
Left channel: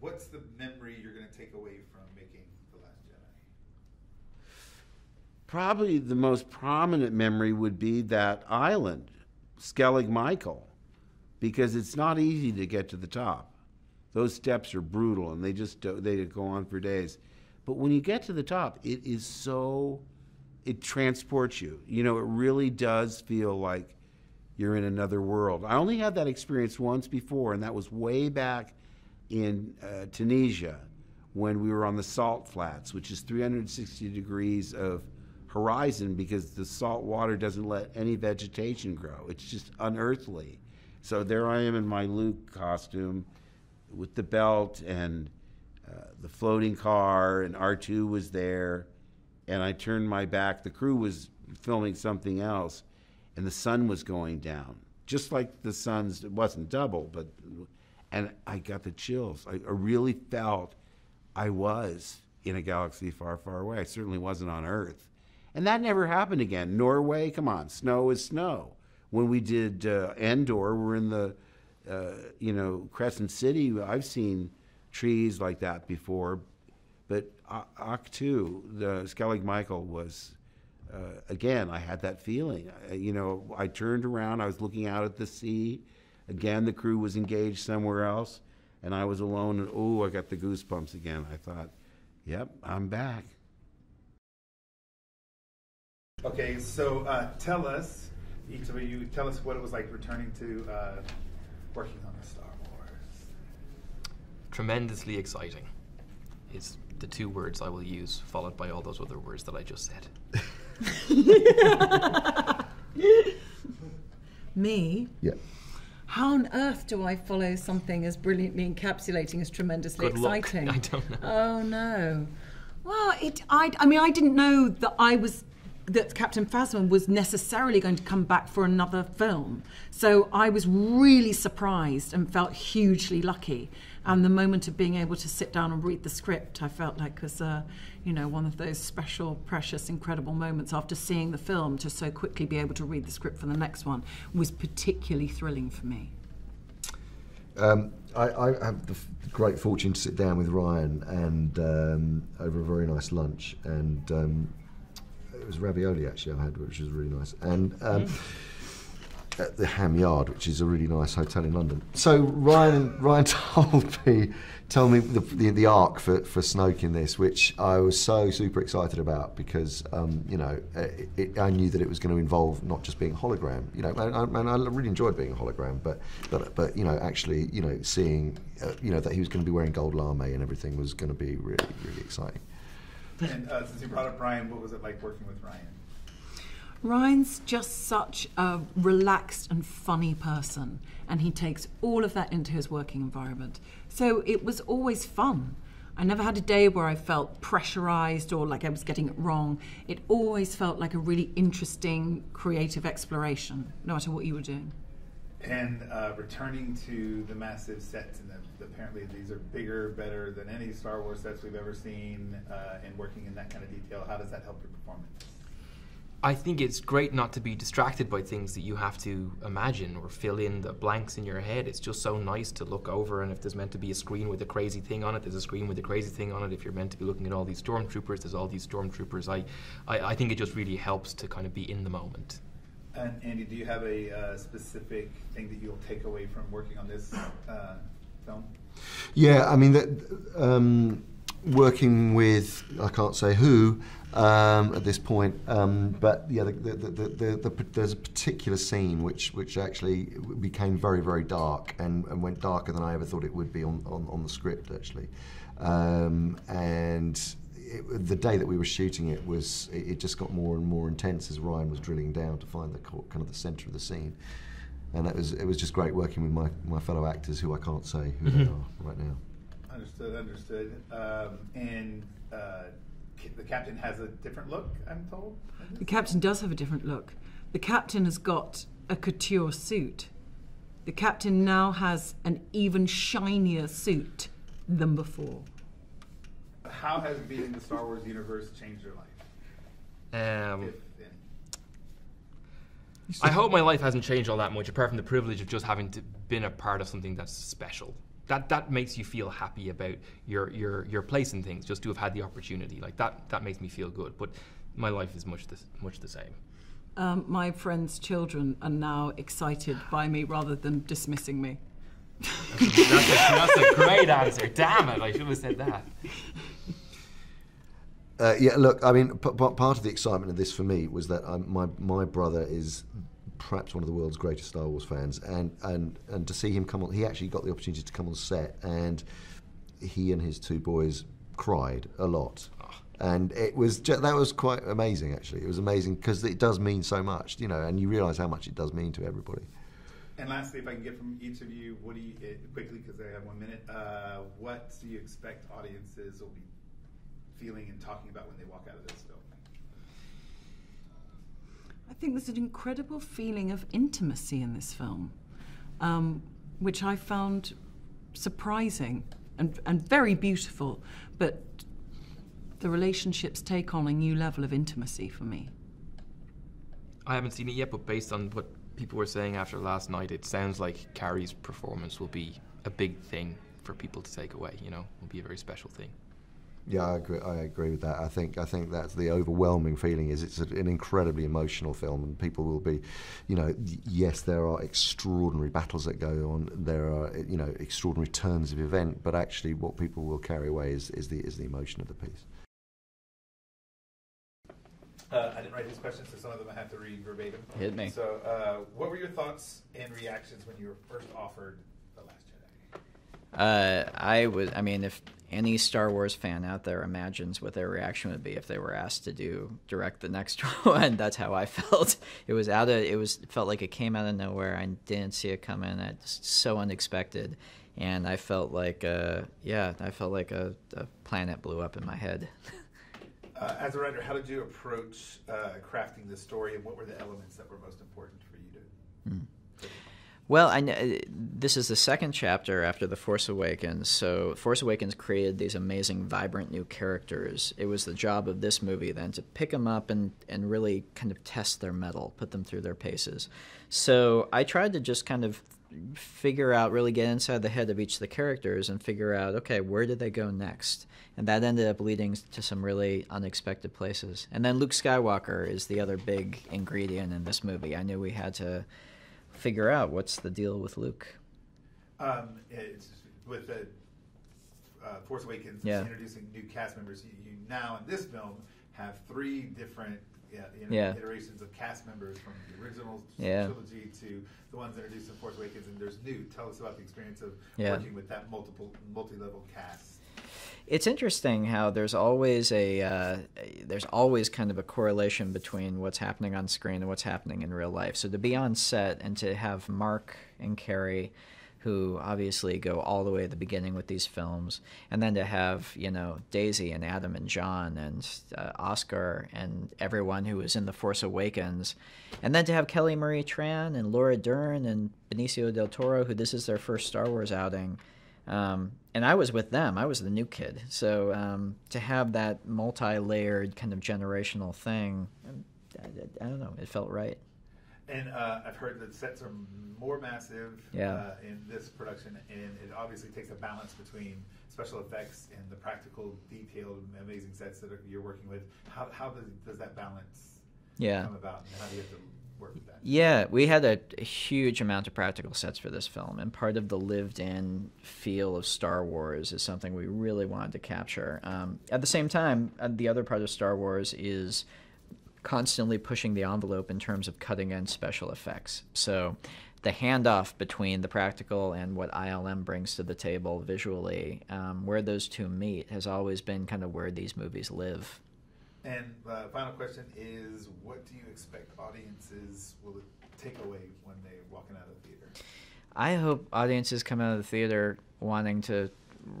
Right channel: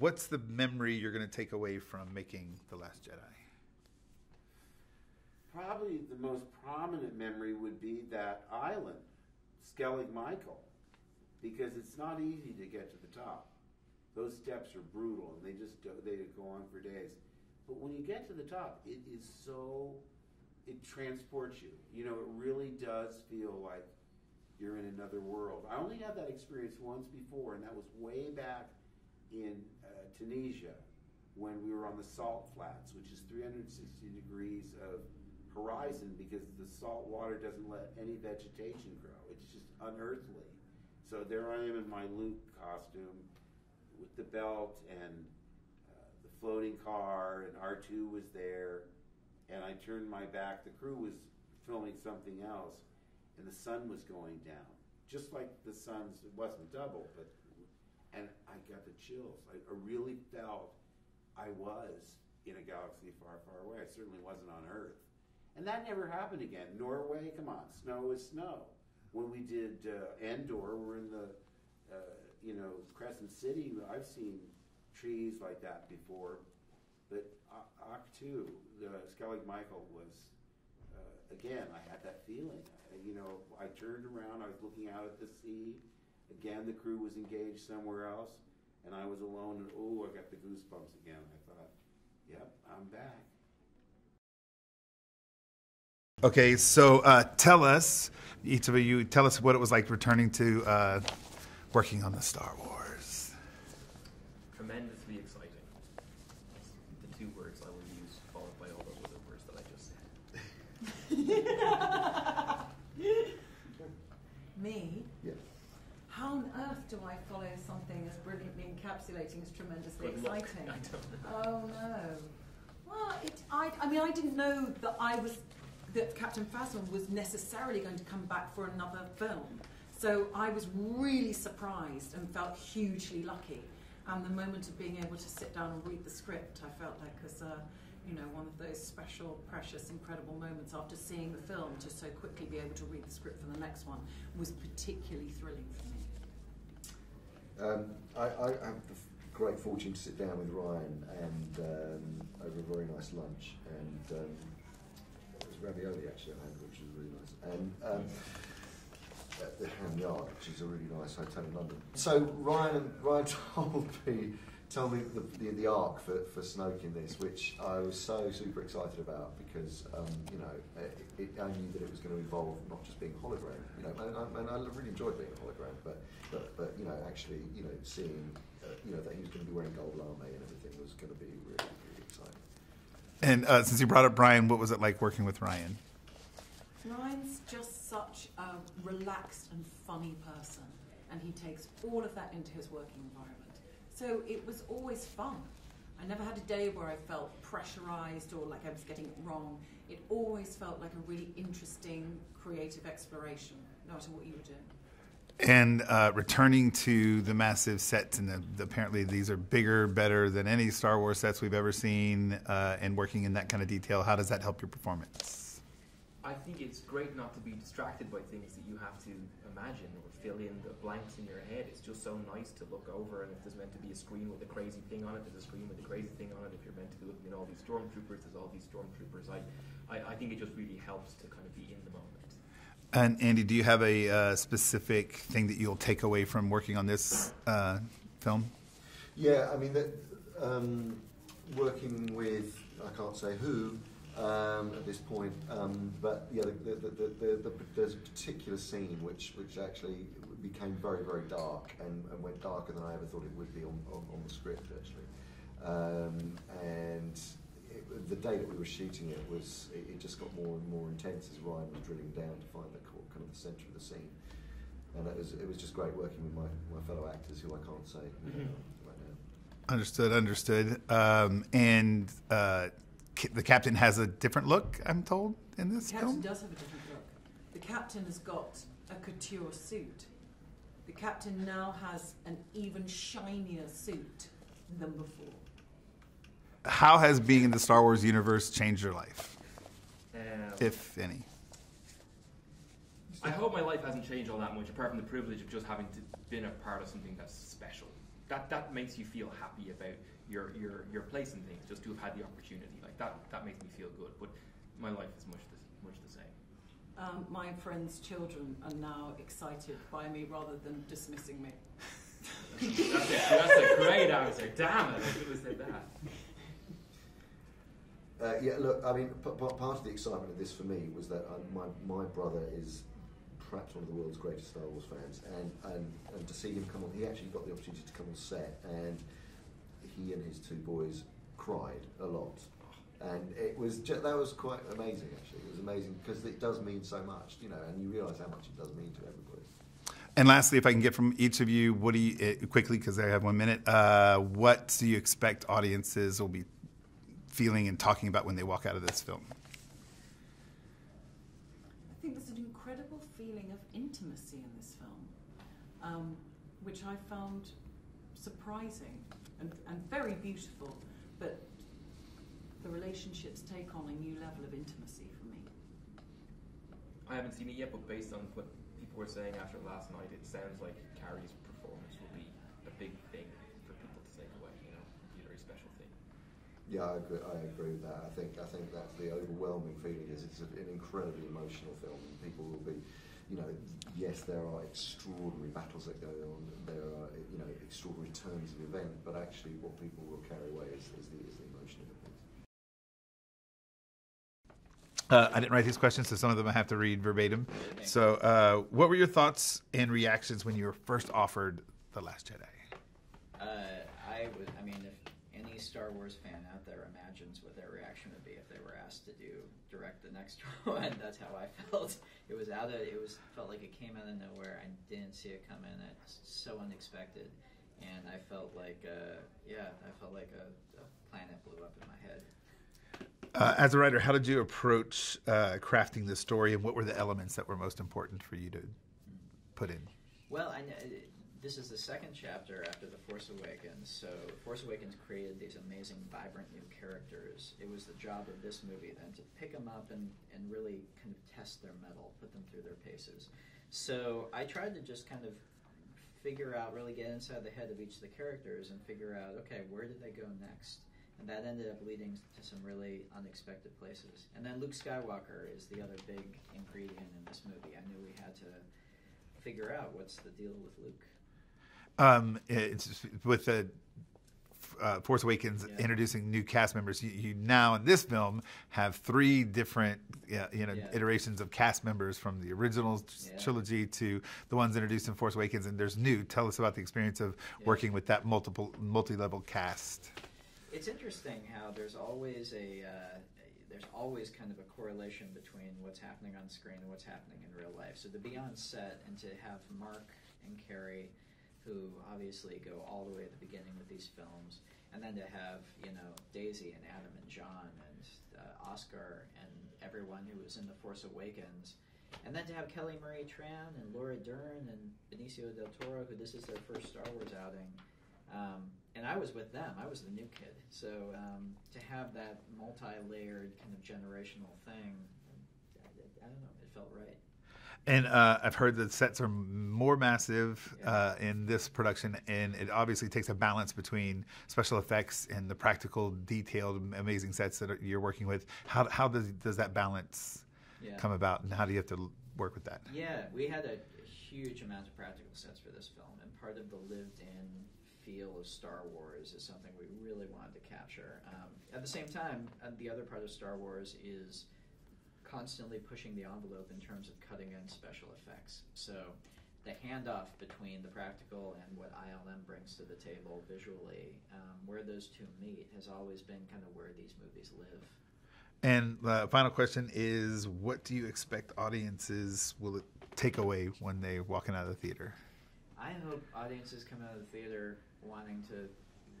What's the memory you're going to take away from making The Last Jedi? Probably the most prominent memory would be that island, Skellig Michael, because it's not easy to get to the top. Those steps are brutal, and they go on for days. But when you get to the top, it transports you. It really does feel like you're in another world. I only had that experience once before, and that was way back in Tunisia when we were on the salt flats, which is 360 degrees of horizon because the salt water doesn't let any vegetation grow. It's just unearthly. So there I am in my Luke costume with the belt and the floating car, and R2 was there, and I turned my back. The crew was filming something else, and the sun was going down, just like the sun's, it wasn't double, and I got the chills. I really felt I was in a galaxy far, far away. I certainly wasn't on Earth. And that never happened again. Norway, come on, snow is snow. When we did Endor, we're in the, Crescent City. I've seen trees like that before. But Octu, the Skellig Michael was, again, I had that feeling. I turned around, I was looking out at the sea. Again, the crew was engaged somewhere else, and I was alone, and I got the goosebumps again. I thought, yep, I'm back. Okay, so tell us, each of you, tell us what it was like returning to working on the Star Wars. Tremendously exciting is the two words I will use, followed by all those other words that I just said. Me? Yeah. How on earth do I follow something as brilliantly encapsulating as tremendously Good luck. exciting? I don't know. Oh no. Well, I didn't know that Captain Phasma was necessarily going to come back for another film. So I was really surprised and felt hugely lucky. And the moment of being able to sit down and read the script, I felt like was, one of those special, precious, incredible moments after seeing the film to so quickly be able to read the script for the next one was particularly thrilling for me. I have the great fortune to sit down with Ryan and over a very nice lunch, and it was ravioli actually I had, which was really nice, and at the Ham Yard, which is a really nice hotel in London. So Ryan told me the arc for Snoke in this, which I was so super excited about because I knew that it was going to involve not just being a hologram, and I really enjoyed being a hologram, but actually seeing that he was going to be wearing gold lame and everything was going to be really, really exciting. And since you brought up Ryan, what was it like working with Ryan? Ryan's just such a relaxed and funny person, and he takes all of that into his working environment. So it was always fun. I never had a day where I felt pressurized or like I was getting it wrong. It always felt like a really interesting, creative exploration, no matter what you were doing. And returning to the massive sets, and apparently these are bigger, better than any Star Wars sets we've ever seen, and working in that kind of detail, how does that help your performance? I think it's great not to be distracted by things that you have to imagine or fill in the blanks in your head. It's just so nice to look over, and if there's meant to be a screen with a crazy thing on it, there's a screen with a crazy thing on it. If you're meant to be looking at all these stormtroopers, there's all these stormtroopers. I think it just really helps to kind of be in the moment. And Andy, do you have a specific thing that you'll take away from working on this film? Yeah, I mean, working with, I can't say who at this point, but yeah, there's a particular scene which actually became very, very dark and went darker than I ever thought it would be on the script, actually. And the day that we were shooting it just got more and more intense as Ryan was drilling down to find the centre of the scene, and it was just great working with my fellow actors who I can't say who they are right now. Understood. And the captain has a different look, I'm told, in this. The captain does have a different look. The captain has got a couture suit. The captain now has an even shinier suit than before. How has being in the Star Wars universe changed your life, if any? I hope my life hasn't changed all that much, apart from the privilege of just having been a part of something that's special. That makes you feel happy about your place in things, just to have had the opportunity. Like that makes me feel good. But my life is much the same. My friends' children are now excited by me rather than dismissing me. That's a great answer. Damn it, I should have said that. Yeah, look, I mean, part of the excitement of this for me was that my brother is perhaps one of the world's greatest Star Wars fans, and to see him come on, he actually got the opportunity to come on set, and he and his two boys cried a lot. And that was quite amazing, actually. It was amazing because it does mean so much, and you realise how much it does mean to everybody. And lastly, if I can get from each of you, what do you, quickly, because I have 1 minute, what do you expect audiences will be feeling and talking about when they walk out of this film? I think there's an incredible feeling of intimacy in this film, which I found surprising and very beautiful, but the relationships take on a new level of intimacy for me. I haven't seen it yet, but based on what people were saying after last night, it sounds like Carrie's performance will be a big thing for people to take away. Will be a very special thing. Yeah, I agree with that. I think that's the overwhelming feeling. Is it's an incredibly emotional film, and people will be, yes, there are extraordinary battles that go on. There are extraordinary turns of event, but actually, what people will carry away is the emotion of the piece. I didn't write these questions, so some of them I have to read verbatim. Hit me. So, what were your thoughts and reactions when you were first offered The Last Jedi? If any Star Wars fan out there imagines what their reaction would be if they were asked to direct the next one, that's how I felt. It felt like it came out of nowhere. I didn't see it coming. It's so unexpected, and I felt like a planet blew up in my head. As a writer, how did you approach crafting this story, and what were the elements that were most important for you to put in? Well, I know this is the second chapter after The Force Awakens, so Force Awakens created these amazing, vibrant new characters. It was the job of this movie then to pick them up and really kind of test their mettle, put them through their paces. So I tried to just kind of figure out, really get inside the head of each of the characters and figure out, okay, where did they go next? And that ended up leading to some really unexpected places. And then Luke Skywalker is the other big ingredient in this movie. I knew we had to figure out what's the deal with Luke. It's with the Force Awakens introducing new cast members. You now in this film have 3 different iterations of cast members, from the original trilogy to the ones introduced in Force Awakens, and there's new. Tell us about the experience of working with that multi-level cast. It's interesting how there's always kind of a correlation between what's happening on screen and what's happening in real life. So to be on set and to have Mark and Carrie, who obviously go all the way at the beginning with these films, and then to have, you know, Daisy and Adam and John and Oscar and everyone who was in The Force Awakens, and then to have Kelly Marie Tran and Laura Dern and Benicio del Toro, who this is their first Star Wars outing. And I was with them. I was the new kid. So to have that multi-layered kind of generational thing, I don't know, it felt right. And I've heard that sets are more massive Yeah. in this production, and it obviously takes a balance between special effects and the practical, detailed, amazing sets that you're working with. How does that balance come about, and how do you have to work with that? Yeah, we had a huge amount of practical sets for this film, and part of the lived-in feel of Star Wars is something we really wanted to capture. At the same time, the other part of Star Wars is constantly pushing the envelope in terms of cutting-edge special effects. So the handoff between the practical and what ILM brings to the table visually, where those two meet, has always been kind of where these movies live. And the final question is, what do you expect audiences will take away when they're walking out of the theater? I hope audiences come out of the theater wanting to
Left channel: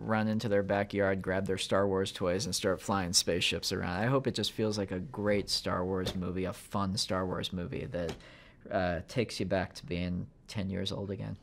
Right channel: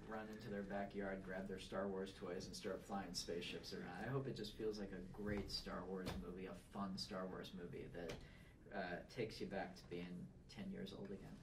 run into their backyard, grab their Star Wars toys, and start flying spaceships around. I hope it just feels like a great Star Wars movie, a fun Star Wars movie that takes you back to being 10 years old again.